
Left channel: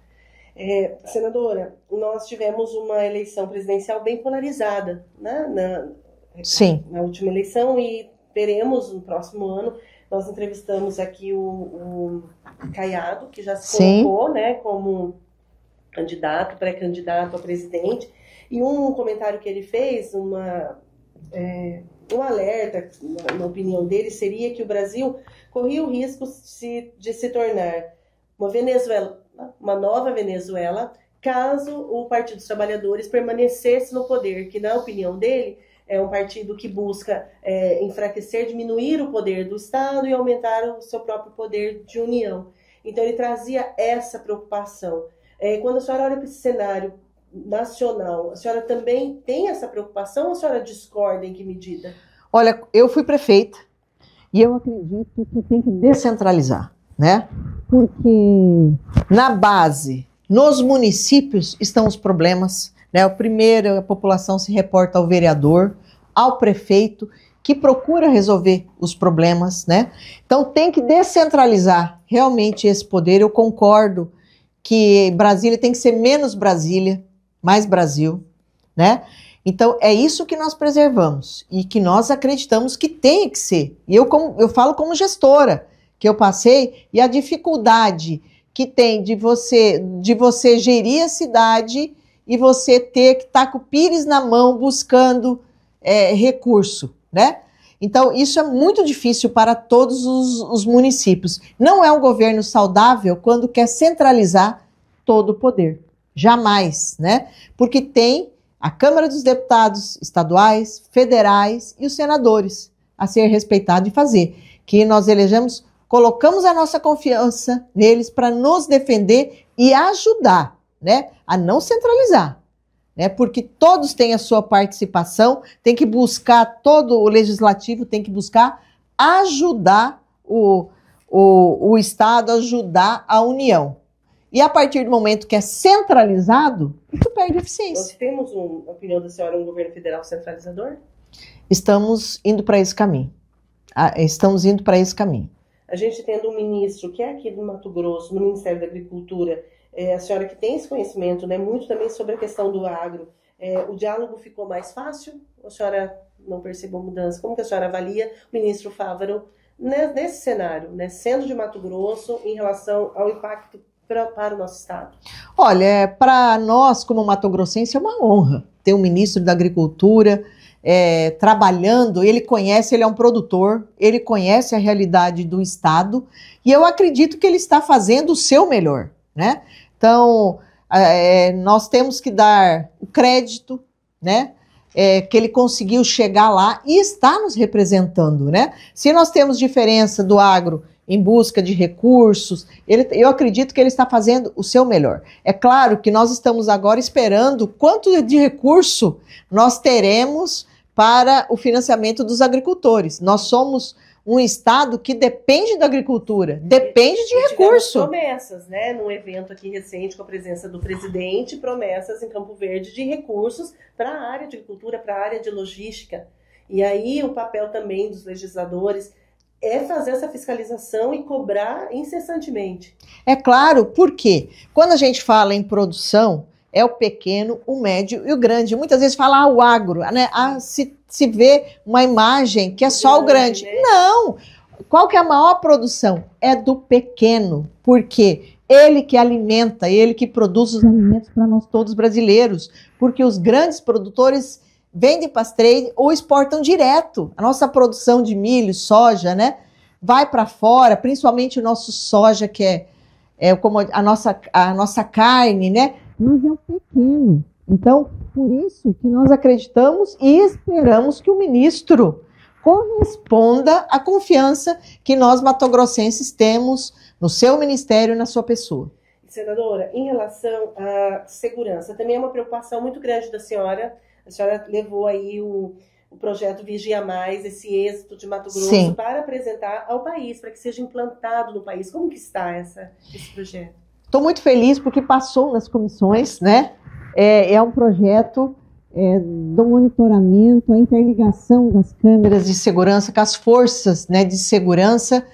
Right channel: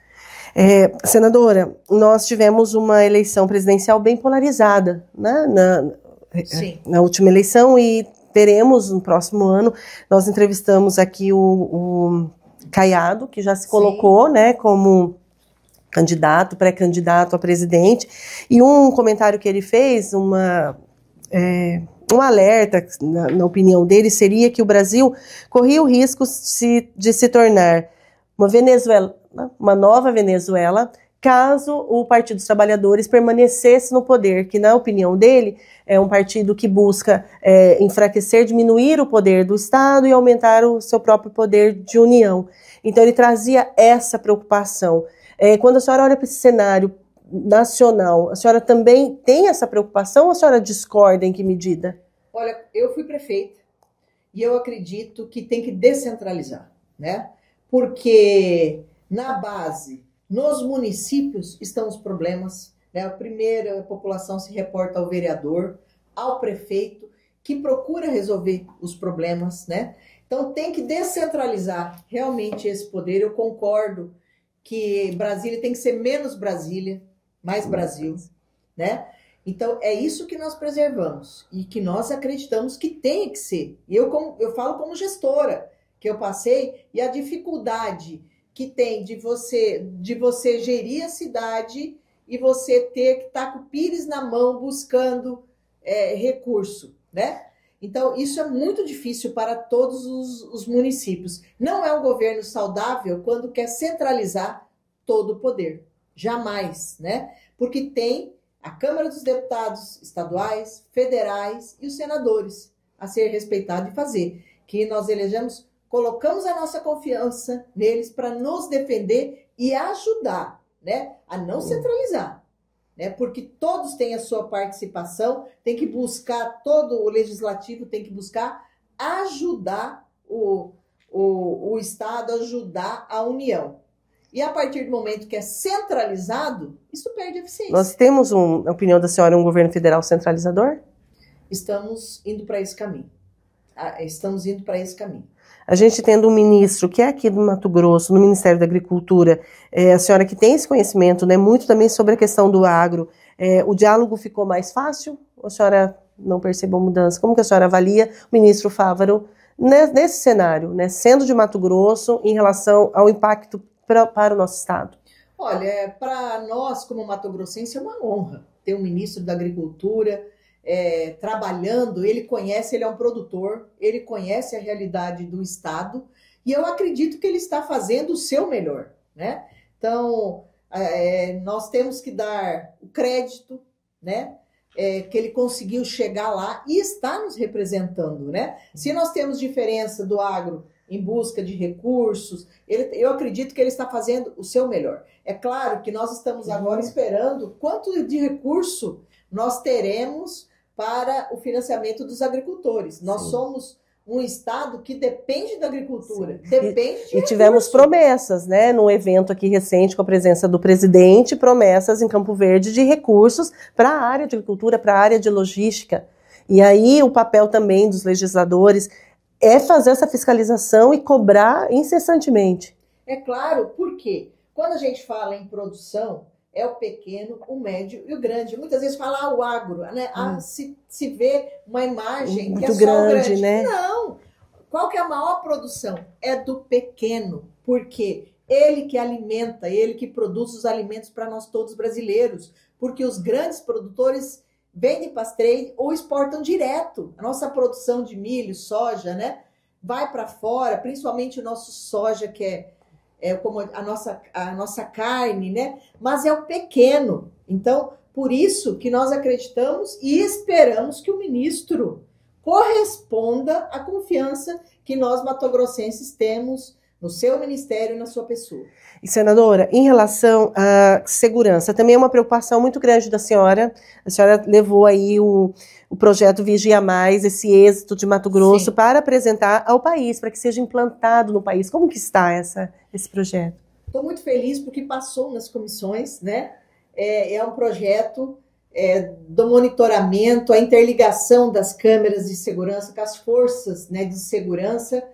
Senadora, nós tivemos uma eleição presidencial bem polarizada, né? Sim. Na última eleição, e teremos no próximo ano. Nós entrevistamos aqui o Caiado, que já se colocou, né, como pré-candidato a presidente, e um comentário que ele fez, um alerta, na opinião dele, seria que o Brasil corria o risco de se tornar uma nova Venezuela, caso o Partido dos Trabalhadores permanecesse no poder, que, na opinião dele, é um partido que busca enfraquecer, diminuir o poder do Estado e aumentar o seu próprio poder de união. Então, ele trazia essa preocupação. Quando a senhora olha para esse cenário nacional, a senhora também tem essa preocupação ou a senhora discorda em que medida? Olha, eu fui prefeita e eu acredito que tem que descentralizar, né? Porque na base, nos municípios estão os problemas, né? Primeiro, a população se reporta ao vereador, ao prefeito, que procura resolver os problemas, né? Então tem que descentralizar realmente esse poder. Eu concordo que Brasília tem que ser menos Brasília, mais Brasil, né? Então é isso que nós preservamos e que nós acreditamos que tem que ser. E eu falo como gestora, que eu passei, e a dificuldade que tem de você gerir a cidade e você ter que estar com o pires na mão buscando recurso, né? Então, isso é muito difícil para todos os municípios. Não é um governo saudável quando quer centralizar todo o poder. Jamais, né? Porque tem a Câmara dos Deputados estaduais, federais e os senadores a ser respeitado e fazer. Que nós elegemos, colocamos a nossa confiança neles para nos defender e ajudar, né? A não centralizar. né? Porque todos têm a sua participação, tem que buscar, todo o legislativo tem que buscar ajudar o Estado, ajudar a União. E a partir do momento que é centralizado, isso perde eficiência. Nós temos, na opinião da senhora, um governo federal centralizador? Estamos indo para esse caminho. Estamos indo para esse caminho. A gente tendo um ministro que é aqui do Mato Grosso, no Ministério da Agricultura, a senhora que tem esse conhecimento, né, muito também sobre a questão do agro, o diálogo ficou mais fácil? Ou a senhora não percebeu mudança? Como que a senhora avalia o ministro Fávaro nesse cenário, né, sendo de Mato Grosso, em relação ao impacto para o nosso estado? Olha, para nós, como mato-grossense, é uma honra ter um ministro da Agricultura trabalhando. Ele conhece, ele é um produtor, ele conhece a realidade do estado e eu acredito que ele está fazendo o seu melhor, né? Então, nós temos que dar o crédito, né? Que ele conseguiu chegar lá e está nos representando, né? Se nós temos diferença do agro em busca de recursos, eu acredito que ele está fazendo o seu melhor. É claro que nós estamos agora esperando quanto de recurso nós teremos para o financiamento dos agricultores. Nós somos um estado que depende da agricultura, depende de recursos. Tivemos promessas, né, num evento aqui recente com a presença do presidente, promessas em Campo Verde de recursos para a área de agricultura, para a área de logística. E aí o papel também dos legisladores é fazer essa fiscalização e cobrar incessantemente. É claro, porque quando a gente fala em produção, é o pequeno, o médio e o grande. Muitas vezes fala o agro, né? Se vê uma imagem que é só o grande. Né? Não! Qual que é a maior produção? É do pequeno, porque ele que alimenta, ele que produz os alimentos para nós todos brasileiros, porque os grandes produtores vendem para as trade ou exportam direto. A nossa produção de milho, soja, né, vai para fora, principalmente o nosso soja, que é como a nossa carne, né? Mas é o pequeno. Então, por isso que nós acreditamos e esperamos que o ministro corresponda à confiança que nós matogrossenses temos no seu ministério e na sua pessoa. E, senadora, em relação à segurança, também é uma preocupação muito grande da senhora. A senhora levou aí o projeto Vigia Mais, esse êxito de Mato Grosso, sim, para apresentar ao país, para que seja implantado no país. Como que está esse projeto? Estou muito feliz porque passou nas comissões, né? É um projeto do monitoramento, a interligação das câmeras de segurança com as forças, né, de segurança,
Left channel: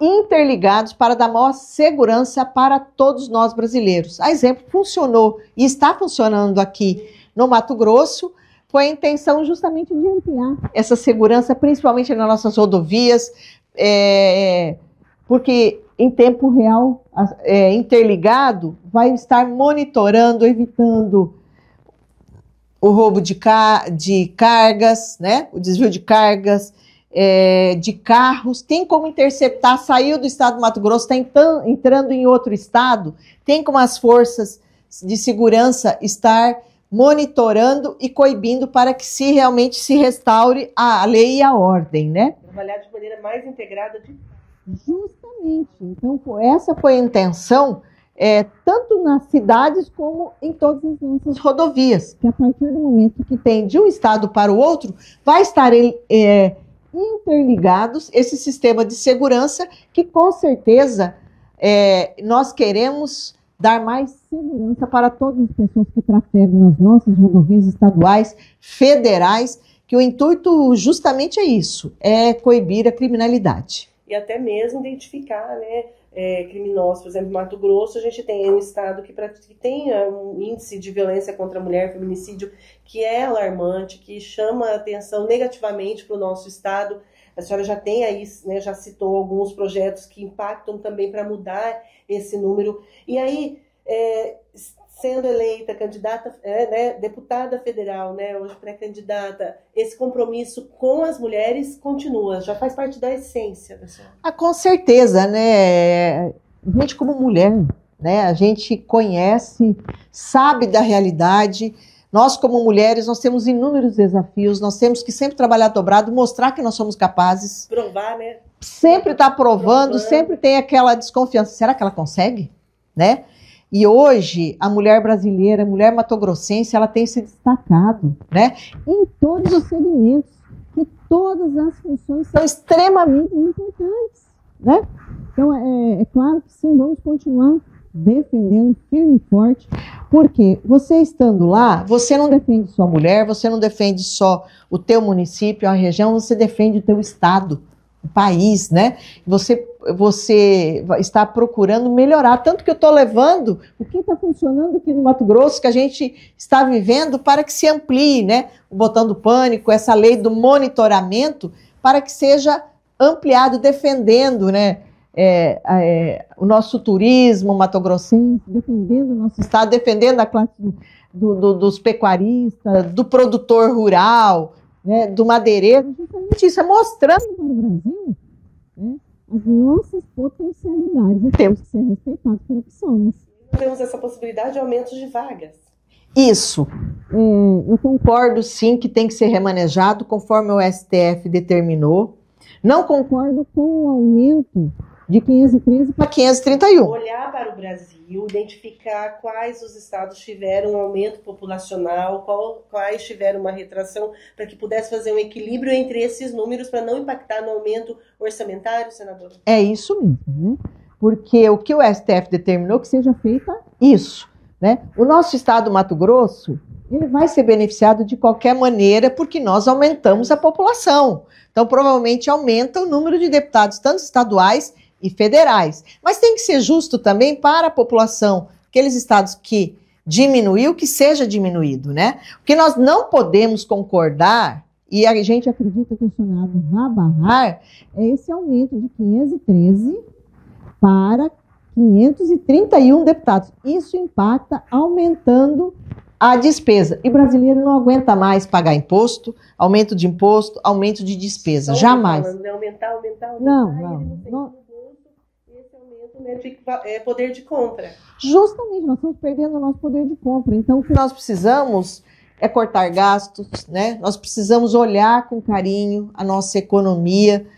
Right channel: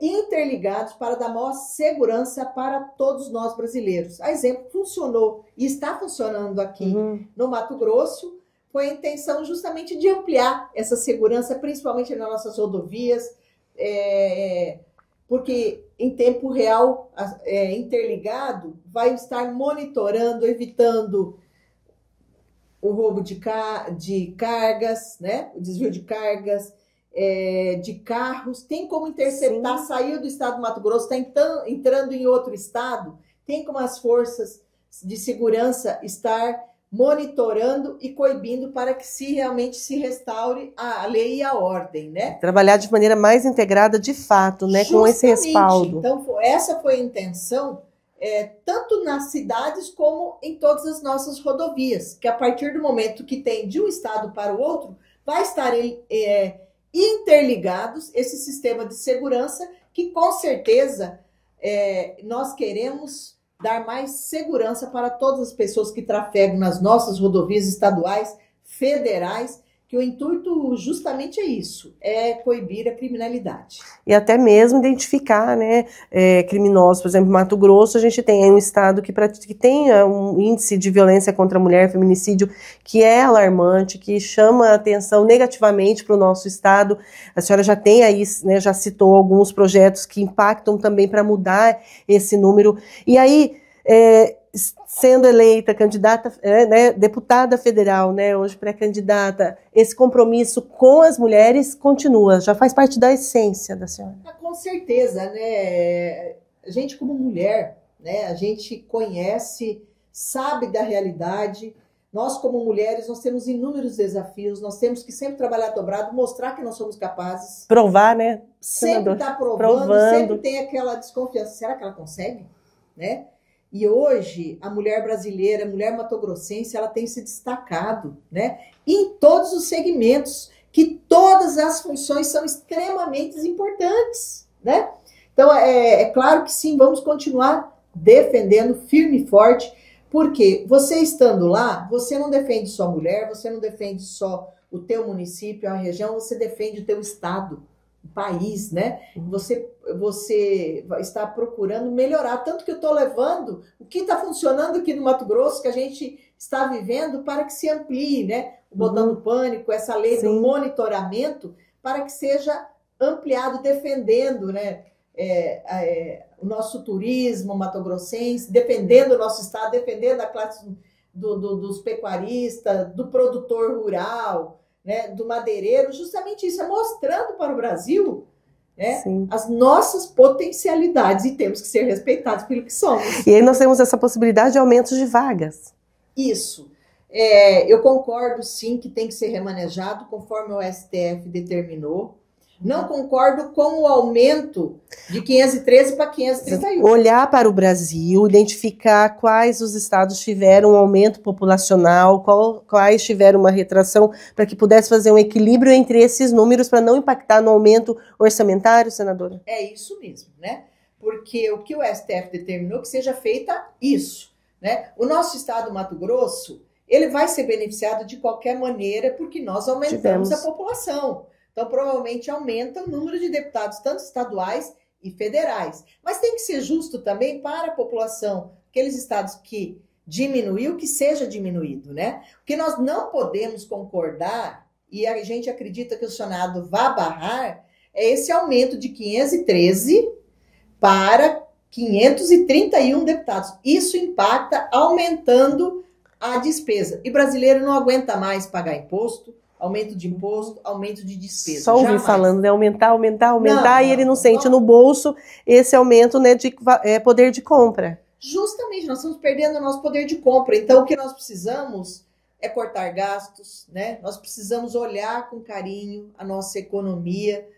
interligados para dar maior segurança para todos nós brasileiros. A exemplo, funcionou e está funcionando aqui no Mato Grosso, foi a intenção justamente de ampliar essa segurança, principalmente nas nossas rodovias, porque em tempo real, interligado, vai estar monitorando, evitando o roubo de cargas, né? O desvio de cargas, de carros, tem como interceptar, saiu do estado do Mato Grosso, está entrando em outro estado, tem como as forças de segurança estar monitorando e coibindo para que realmente se restaure a lei e a ordem, né? Trabalhar de maneira mais integrada, de fato, né? Justamente, com esse respaldo. Então, essa foi a intenção, tanto nas cidades como em todas as nossas rodovias, que a partir do momento que tem de um estado para o outro, vai estar interligados esse sistema de segurança que, com certeza, nós queremos dar mais segurança para todas as pessoas que trafegam nas nossas rodovias estaduais, federais, que o intuito justamente é isso, é coibir a criminalidade. E até mesmo identificar, né, criminosos. Por exemplo, em Mato Grosso, a gente tem um estado que tem um índice de violência contra a mulher, feminicídio, que é alarmante, que chama a atenção negativamente para o nosso estado. A senhora já tem aí, né, já citou alguns projetos que impactam também para mudar esse número. E aí, sendo eleita candidata, né, deputada federal, né, hoje pré-candidata, esse compromisso com as mulheres continua, já faz parte da essência da senhora. Com certeza, né? A gente como mulher, né, a gente conhece, sabe da realidade. Nós como mulheres, nós temos inúmeros desafios, nós temos que sempre trabalhar dobrado, mostrar que nós somos capazes. Provar, né? Sempre está provando, sempre tem aquela desconfiança. Será que ela consegue? Né? E hoje, a mulher brasileira, a mulher matogrossense, ela tem se destacado, né? Em todos os segmentos, que todas as funções são extremamente importantes, né? Então, é claro que sim, vamos continuar defendendo firme e forte, porque você estando lá, você não defende só a mulher, você não defende só o teu município, a região, você defende o teu estado, o país, né? Você está procurando melhorar, tanto que eu estou levando o que está funcionando aqui no Mato Grosso, que a gente está vivendo, para que se amplie, né? O botão do pânico, essa lei do monitoramento, para que seja ampliado, defendendo, né? O nosso turismo matogrossense, defendendo o nosso estado, defendendo a classe dos pecuaristas, do produtor rural, né, do madeireiro, justamente isso, é mostrando para o Brasil, né, as nossas potencialidades, e temos que ser respeitados pelo que somos. E aí nós temos essa possibilidade de aumento de vagas. Isso. Eu concordo, sim, que tem que ser remanejado conforme o STF determinou. Não concordo com o aumento de 513 para 531. Olhar para o Brasil, identificar quais os estados tiveram um aumento populacional, quais tiveram uma retração, para que pudesse fazer um equilíbrio entre esses números, para não impactar no aumento orçamentário, senadora? É isso mesmo, né? Porque o que o STF determinou que seja feita isso, né? O nosso estado, Mato Grosso, ele vai ser beneficiado de qualquer maneira, porque nós aumentamos a população. Então, provavelmente aumenta o número de deputados, tanto estaduais e federais. Mas tem que ser justo também para a população, aqueles estados que diminuiu, que seja diminuído, né? O que nós não podemos concordar, e a gente acredita que o Senado vai barrar, é esse aumento de 513 para 531 deputados. Isso impacta aumentando a despesa. E brasileiro não aguenta mais pagar imposto, aumento de imposto, aumento de despesa. Só jamais. Falando, né? Aumentar, não, e ele não sente no bolso esse aumento, né, de poder de compra. Justamente, nós estamos perdendo o nosso poder de compra. Então, o que nós precisamos é cortar gastos, né? Nós precisamos olhar com carinho a nossa economia,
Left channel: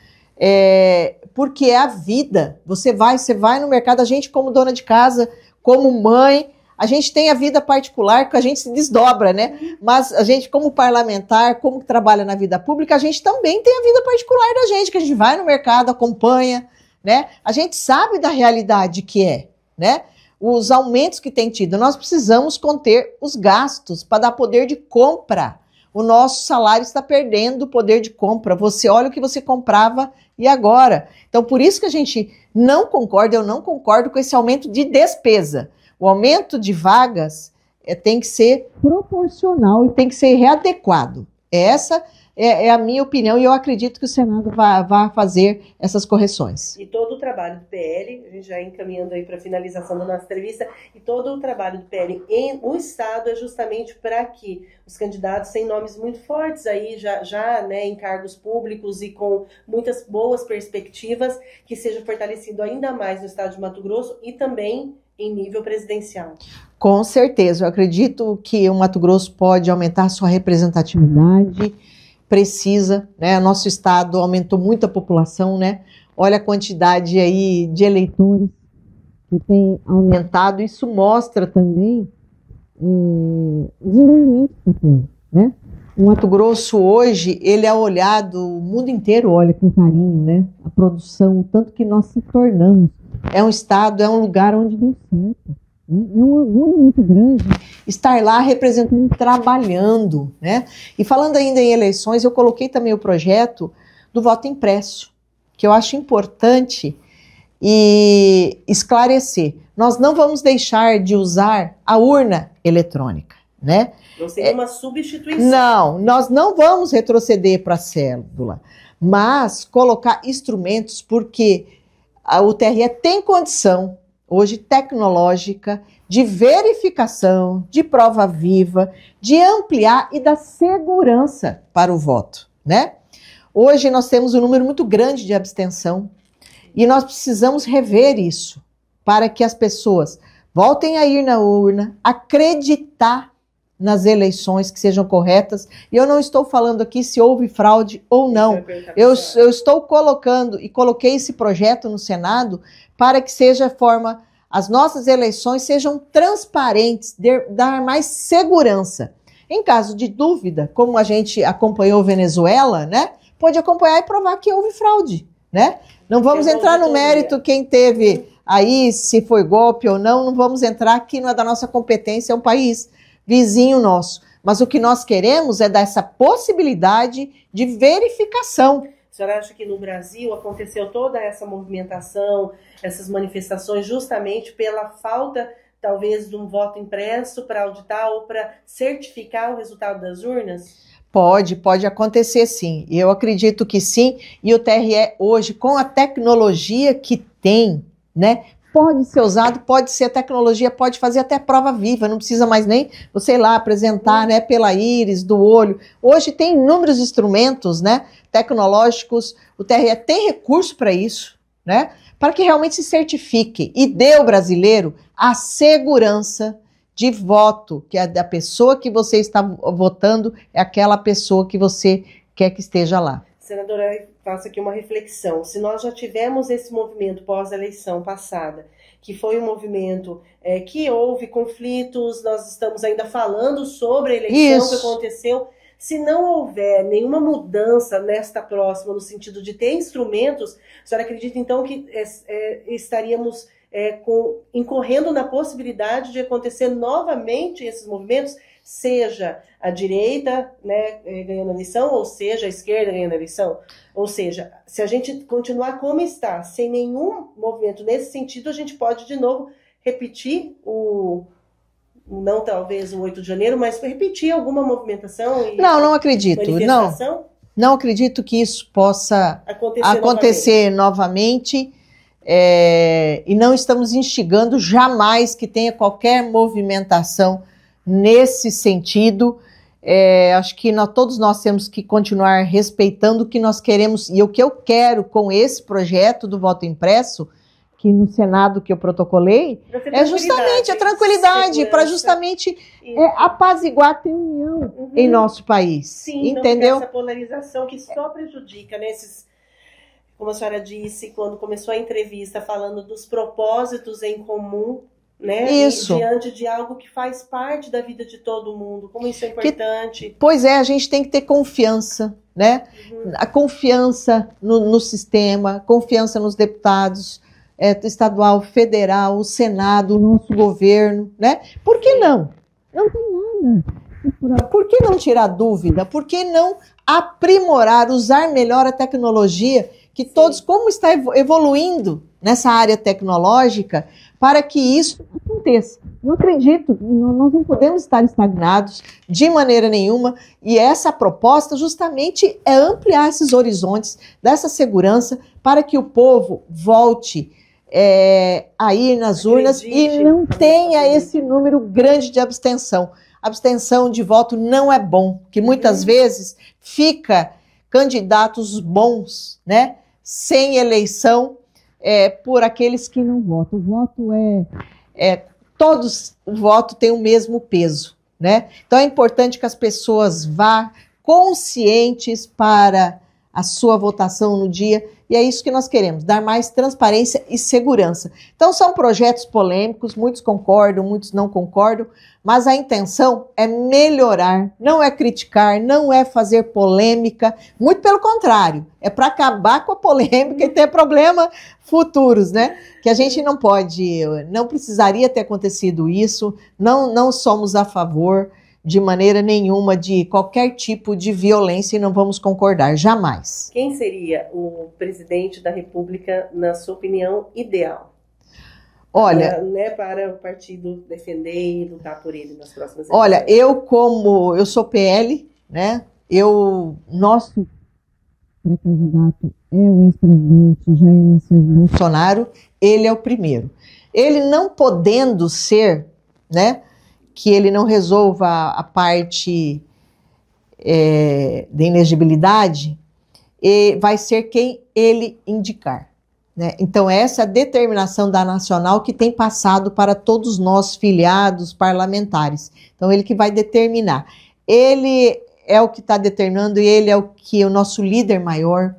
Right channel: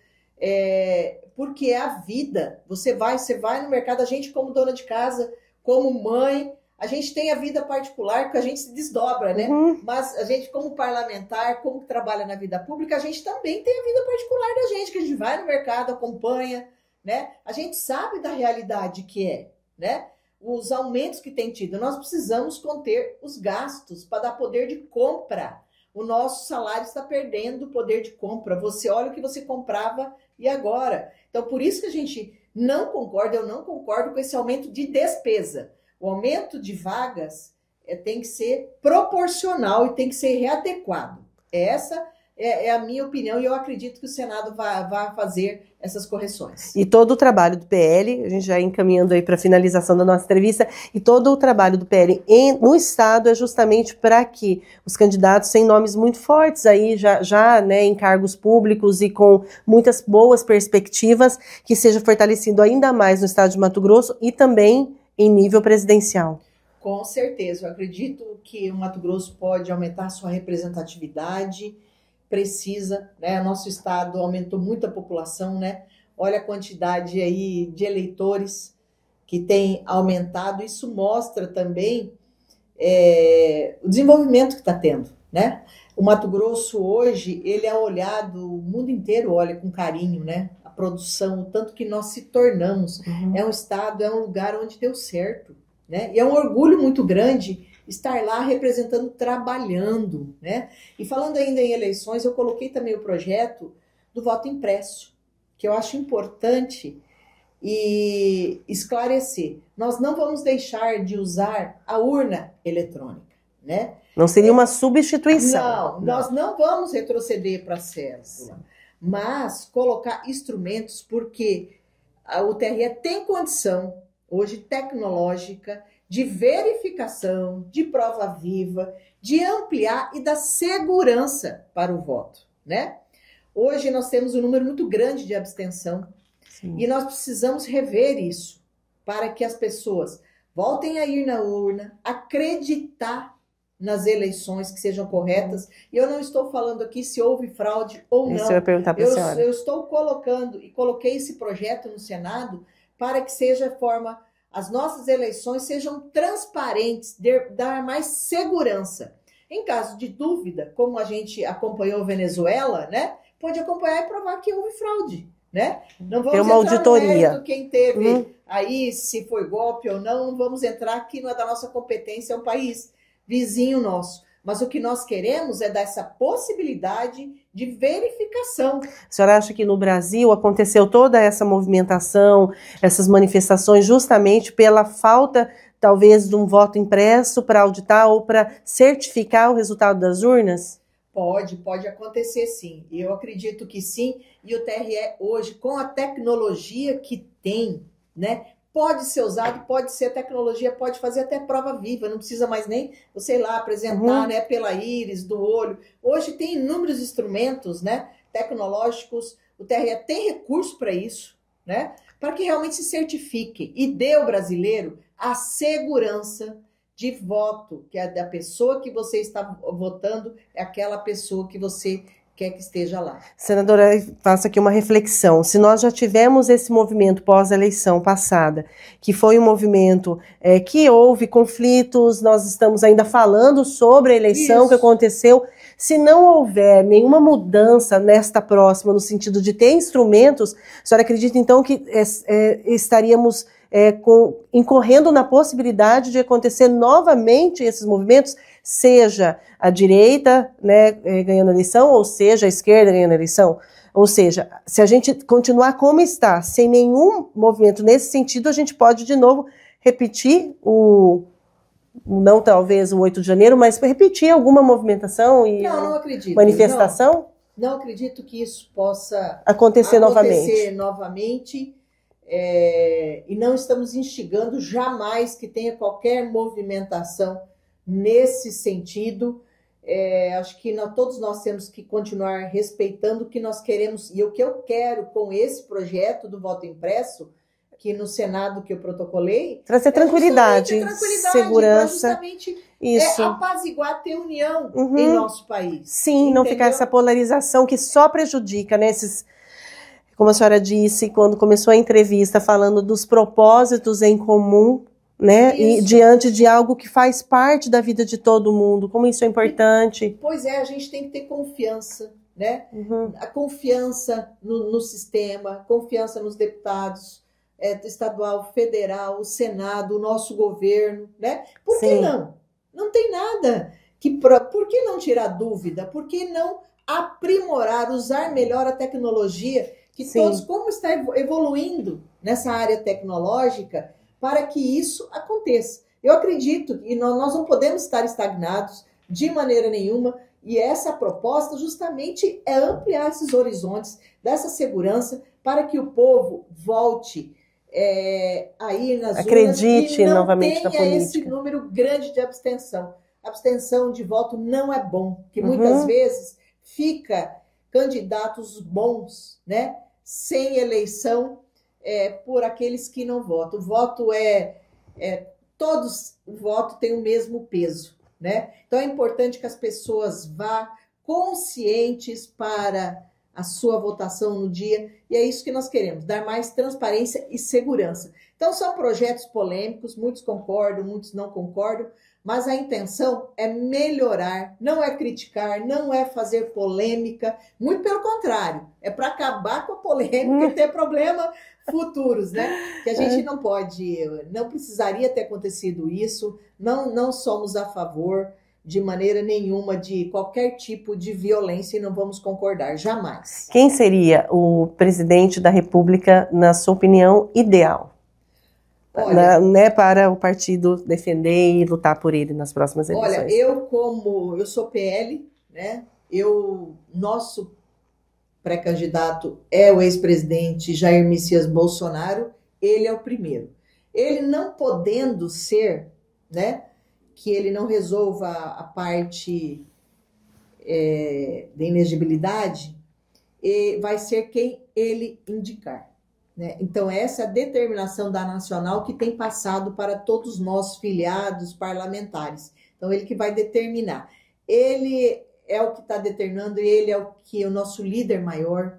porque é a vida. Você vai no mercado, a gente como dona de casa, como mãe, a gente tem a vida particular, que a gente se desdobra, né? Mas a gente, como parlamentar, como trabalha na vida pública, a gente também tem a vida particular da gente, que a gente vai no mercado, acompanha, né? A gente sabe da realidade que é, né? Os aumentos que tem tido. Nós precisamos conter os gastos para dar poder de compra. O nosso salário está perdendo o poder de compra. Você olha o que você comprava e agora. Então, por isso que a gente não concorda, eu não concordo com esse aumento de despesa. O aumento de vagas tem que ser proporcional e tem que ser readequado. Essa é a minha opinião e eu acredito que o Senado vai fazer essas correções. E todo o trabalho do PL, a gente já encaminhando aí para a finalização da nossa entrevista, e todo o trabalho do PL no Estado é justamente para que os candidatos sem nomes muito fortes aí já né, em cargos públicos e com muitas boas perspectivas, que seja fortalecido ainda mais no Estado de Mato Grosso e também em nível presidencial. Com certeza, eu acredito que o Mato Grosso pode aumentar sua representatividade, precisa, né? Nosso estado aumentou muito a população, né? Olha a quantidade aí de eleitores que tem aumentado, isso mostra também o desenvolvimento que está tendo, né? O Mato Grosso hoje, ele é olhado, o mundo inteiro olha com carinho, né? A produção, o tanto que nós se tornamos. É um estado, é um lugar onde deu certo, né? E é um orgulho muito grande estar lá representando, trabalhando, né? E falando ainda em eleições, eu coloquei também o projeto do voto impresso, que eu acho importante e esclarecer. Nós não vamos deixar de usar a urna eletrônica, né? Não seria uma substituição. Não, nós não vamos retroceder para a cédula, mas colocar instrumentos, porque o TRE tem condição, hoje tecnológica, de verificação, de prova viva, de ampliar e dar segurança para o voto, né? Hoje nós temos um número muito grande de abstenção. Sim. E nós precisamos rever isso, para que as pessoas voltem a ir na urna, acreditar nas eleições que sejam corretas. E eu não estou falando aqui se houve fraude ou não. Eu estou colocando e coloquei esse projeto no Senado para que seja a forma as nossas eleições sejam transparentes, dar mais segurança. Em caso de dúvida, como a gente acompanhou Venezuela, né, pode acompanhar e provar que houve fraude, né? Não vamos entrar no mérito quem teve aí, se foi golpe ou não, não vamos entrar, aqui não é da nossa competência, é um país vizinho nosso. Mas o que nós queremos é dar essa possibilidade de verificação. A senhora acha que no Brasil aconteceu toda essa movimentação, essas manifestações, justamente pela falta, talvez, de um voto impresso para auditar ou para certificar o resultado das urnas? Pode acontecer sim. Eu acredito que sim. E o TRE hoje, com a tecnologia que tem, né? Pode ser usado, pode ser tecnologia, pode fazer até prova viva, não precisa mais nem, sei lá, apresentar, né, pela íris, do olho. Hoje tem inúmeros instrumentos, né, tecnológicos, o TRE tem recurso para isso, né, para que realmente se certifique e dê ao brasileiro a segurança de voto, que a da pessoa que você está votando é aquela pessoa que você quer que esteja lá. Senadora, faço aqui uma reflexão. Se nós já tivemos esse movimento pós-eleição passada, que foi um movimento que houve conflitos, nós estamos ainda falando sobre a eleição que aconteceu. Se não houver nenhuma mudança nesta próxima, no sentido de ter instrumentos, a senhora acredita então que estaríamos incorrendo na possibilidade de acontecer novamente esses movimentos, seja a direita, né, ganhando a eleição, ou seja, a esquerda ganhando a eleição? Ou seja, se a gente continuar como está, sem nenhum movimento nesse sentido, a gente pode de novo repetir não talvez o 8 de janeiro, mas repetir alguma movimentação e não acredito. Manifestação? Não acredito que isso possa acontecer novamente. E não estamos instigando jamais que tenha qualquer movimentação nesse sentido. Acho que todos nós temos que continuar respeitando o que nós queremos e o que eu quero com esse projeto do voto impresso, que no Senado que eu protocolei, trazer justamente a tranquilidade, para justamente apaziguar, ter união em nosso país. Sim, entendeu? Não ficar essa polarização que só prejudica, né, como a senhora disse, quando começou a entrevista, falando dos propósitos em comum, né? E diante de algo que faz parte da vida de todo mundo, como isso é importante. Pois é, a gente tem que ter confiança, né? A confiança no sistema, confiança nos deputados, estadual, federal, o Senado, o nosso governo, né? Por que não? Não tem nada. Por que não tirar dúvida? Por que não aprimorar, usar melhor a tecnologia? Que todos, como está evoluindo nessa área tecnológica, para que isso aconteça. Eu acredito que nós não podemos estar estagnados de maneira nenhuma, e essa proposta justamente é ampliar esses horizontes dessa segurança para que o povo volte aí nas urnas e não tenha esse número grande de abstenção. Abstenção de voto não é bom, que muitas vezes fica candidatos bons, né, sem eleição, por aqueles que não votam. O voto o voto tem o mesmo peso, né? Então é importante que as pessoas vá conscientes para a sua votação no dia, e é isso que nós queremos, dar mais transparência e segurança. Então são projetos polêmicos, muitos concordam, muitos não concordam, mas a intenção é melhorar, não é criticar, não é fazer polêmica, muito pelo contrário, é para acabar com a polêmica e ter problemas futuros, né? Que a gente não precisaria ter acontecido isso, não somos a favor de maneira nenhuma de qualquer tipo de violência e não vamos concordar, jamais. Quem seria o presidente da República, na sua opinião, ideal? Olha, né, para o partido defender e lutar por ele nas próximas eleições. Olha, eu sou PL, né? Nosso pré-candidato é o ex-presidente Jair Messias Bolsonaro, ele é o primeiro. Ele não podendo ser, né, que ele não resolva a parte de inelegibilidade, vai ser quem ele indicar. Né? Então, essa é a determinação da Nacional que tem passado para todos nós, filiados, parlamentares. Então, ele que vai determinar. Ele é o que está determinando, ele é o nosso líder maior,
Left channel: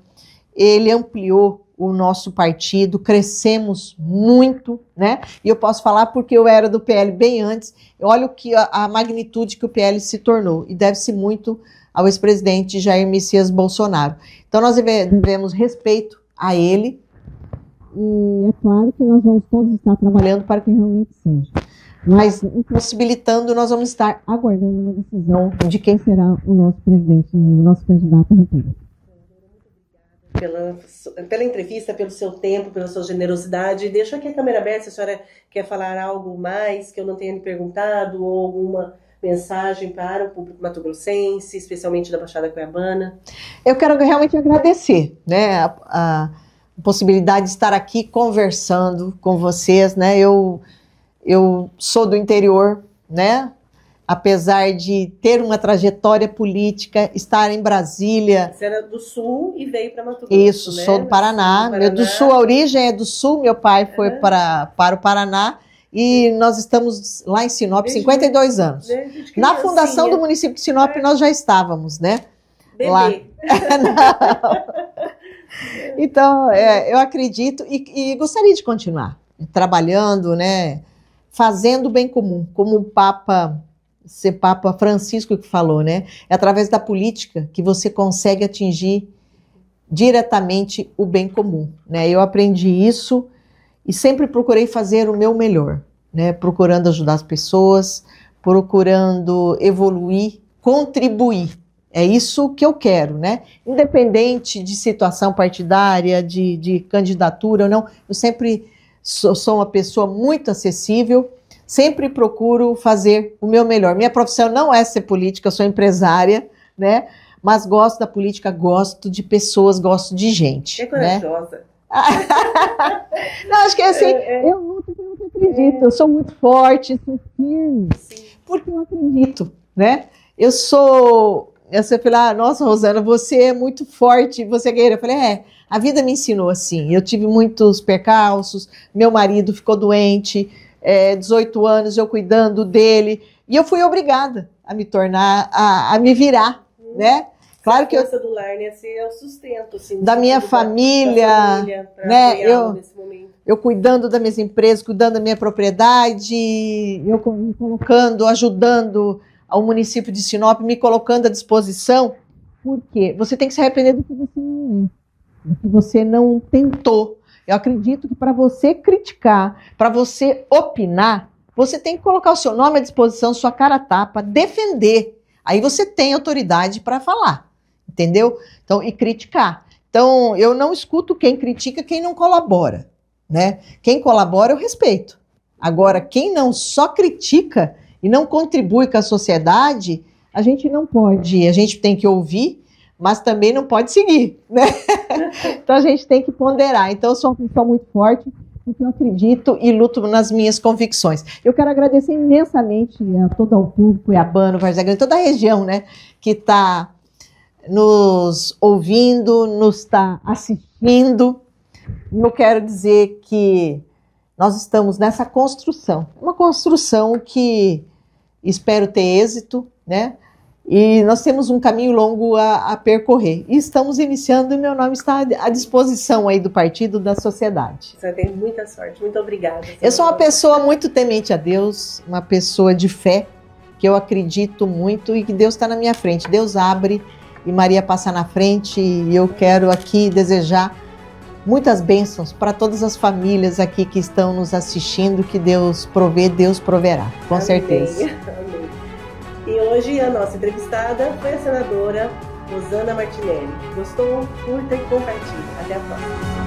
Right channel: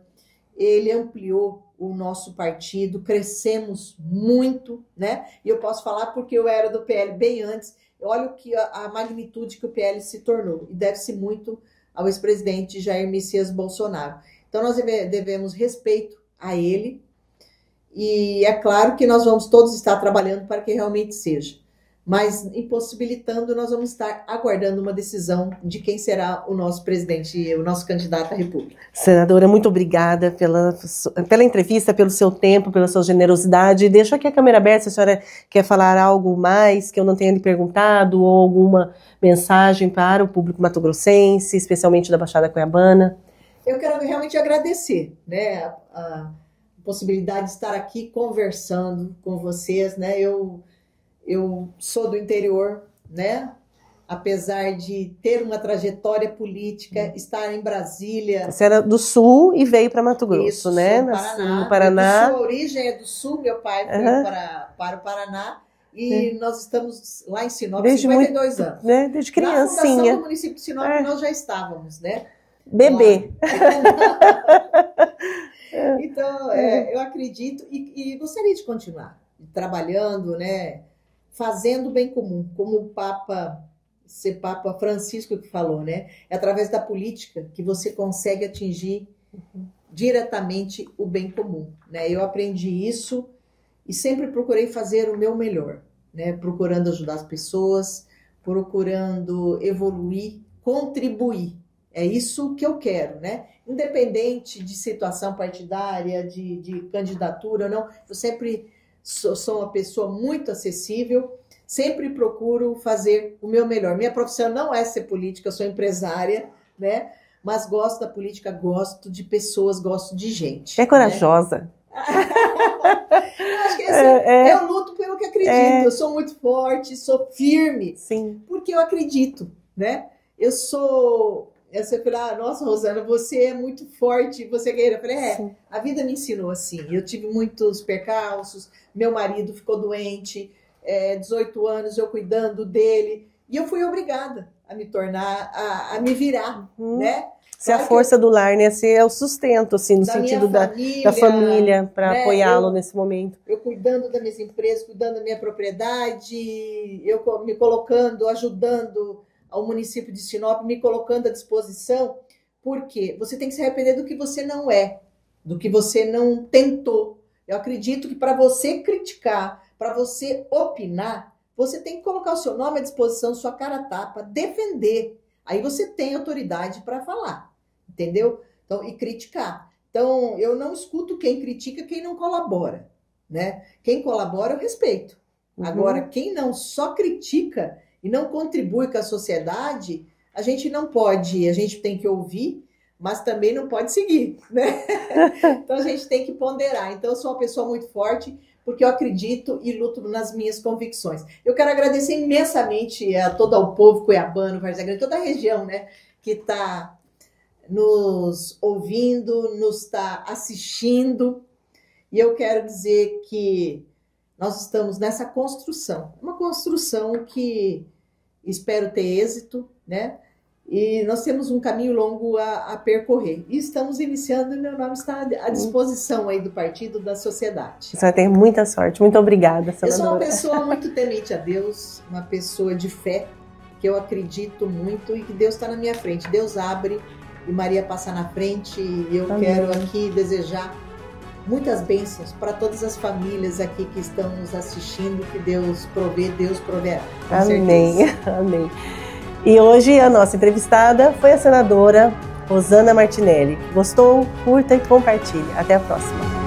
ele ampliou o nosso partido, crescemos muito, né? E eu posso falar porque eu era do PL bem antes. Olha a magnitude que o PL se tornou, e deve-se muito ao ex-presidente Jair Messias Bolsonaro. Então nós devemos respeito a ele, e é claro que nós vamos todos estar trabalhando para que realmente seja. Mas, impossibilitando, nós vamos estar aguardando uma decisão de quem será o nosso presidente, o nosso candidato à República. Senadora, muito obrigada pela entrevista, pelo seu tempo, pela sua generosidade. Deixo aqui a câmera aberta, se a senhora quer falar algo mais que eu não tenha lhe perguntado, ou alguma mensagem para o público mato-grossense, especialmente da Baixada Cuiabana. Eu quero realmente agradecer, né, a possibilidade de estar aqui conversando com vocês, né? Eu sou do interior, né? Apesar de ter uma trajetória política, estar em Brasília. Você era do Sul e veio para Mato Grosso, isso, né? Sou do Paraná. Do Sul, a origem é do Sul, meu pai foi para o Paraná. E nós estamos lá em Sinop, desde 52 anos. Né? Desde na fundação do município de Sinop, nós já estávamos, né? Bebê. Então, eu acredito e gostaria de continuar trabalhando, né? Fazendo o bem comum, como o Papa Francisco que falou, né? É através da política que você consegue atingir diretamente o bem comum, né? Eu aprendi isso e sempre procurei fazer o meu melhor, né? Procurando ajudar as pessoas, procurando evoluir, contribuir. É isso que eu quero, né? Independente de situação partidária, de candidatura ou não, eu sempre sou uma pessoa muito acessível, sempre procuro fazer o meu melhor. Minha profissão não é ser política, eu sou empresária, né? Mas gosto da política, gosto de pessoas, gosto de gente. É corajosa. Né? Não, acho que é assim, eu luto pelo que acredito, eu sou muito forte, sou firme, sim, porque eu acredito, né? Você fala, nossa, Rosana, você é muito forte, você é guerreira. Eu falei, sim, a vida me ensinou assim. Eu tive muitos percalços, meu marido ficou doente, 18 anos eu cuidando dele, e eu fui obrigada a me tornar, a me virar, né? Claro, a força do lar, né? Esse é o sustento, assim, da minha família, da família, para apoiá-lo nesse momento. Eu cuidando das minhas empresas, cuidando da minha propriedade, eu me colocando, ajudando ao município de Sinop, me colocando à disposição, porque você tem que se arrepender do que você não é, do que você não tentou. Eu acredito que para você criticar, para você opinar, você tem que colocar o seu nome à disposição, sua cara a tapa, defender. Aí você tem autoridade para falar, entendeu? Então, e criticar. Então, eu não escuto quem critica, quem não colabora, né? Quem colabora, eu respeito. Agora, quem não só critica e não contribui com a sociedade, a gente não pode, a gente tem que ouvir, mas também não pode seguir, né? Então a gente tem que ponderar. Então eu sou uma pessoa muito forte, porque eu acredito e luto nas minhas convicções. Eu quero agradecer imensamente a todo o povo cuiabano, Várzea Grande, toda a região, né, que está nos ouvindo, nos está assistindo, e eu quero dizer que nós estamos nessa construção, uma construção que espero ter êxito, né? E nós temos um caminho longo a percorrer. E estamos iniciando e meu nome está à disposição aí do partido, da sociedade. Você vai ter muita sorte. Muito obrigada. Eu sou uma pessoa muito temente a Deus, uma pessoa de fé, que eu acredito muito e que Deus está na minha frente. Deus abre e Maria passa na frente, e eu quero aqui desejar muitas bênçãos para todas as famílias aqui que estão nos assistindo, que Deus provê, Deus proverá, com certeza. Amém. E hoje a nossa entrevistada foi a senadora Rosana Martinelli. Gostou? Curta e compartilhe. Até a próxima.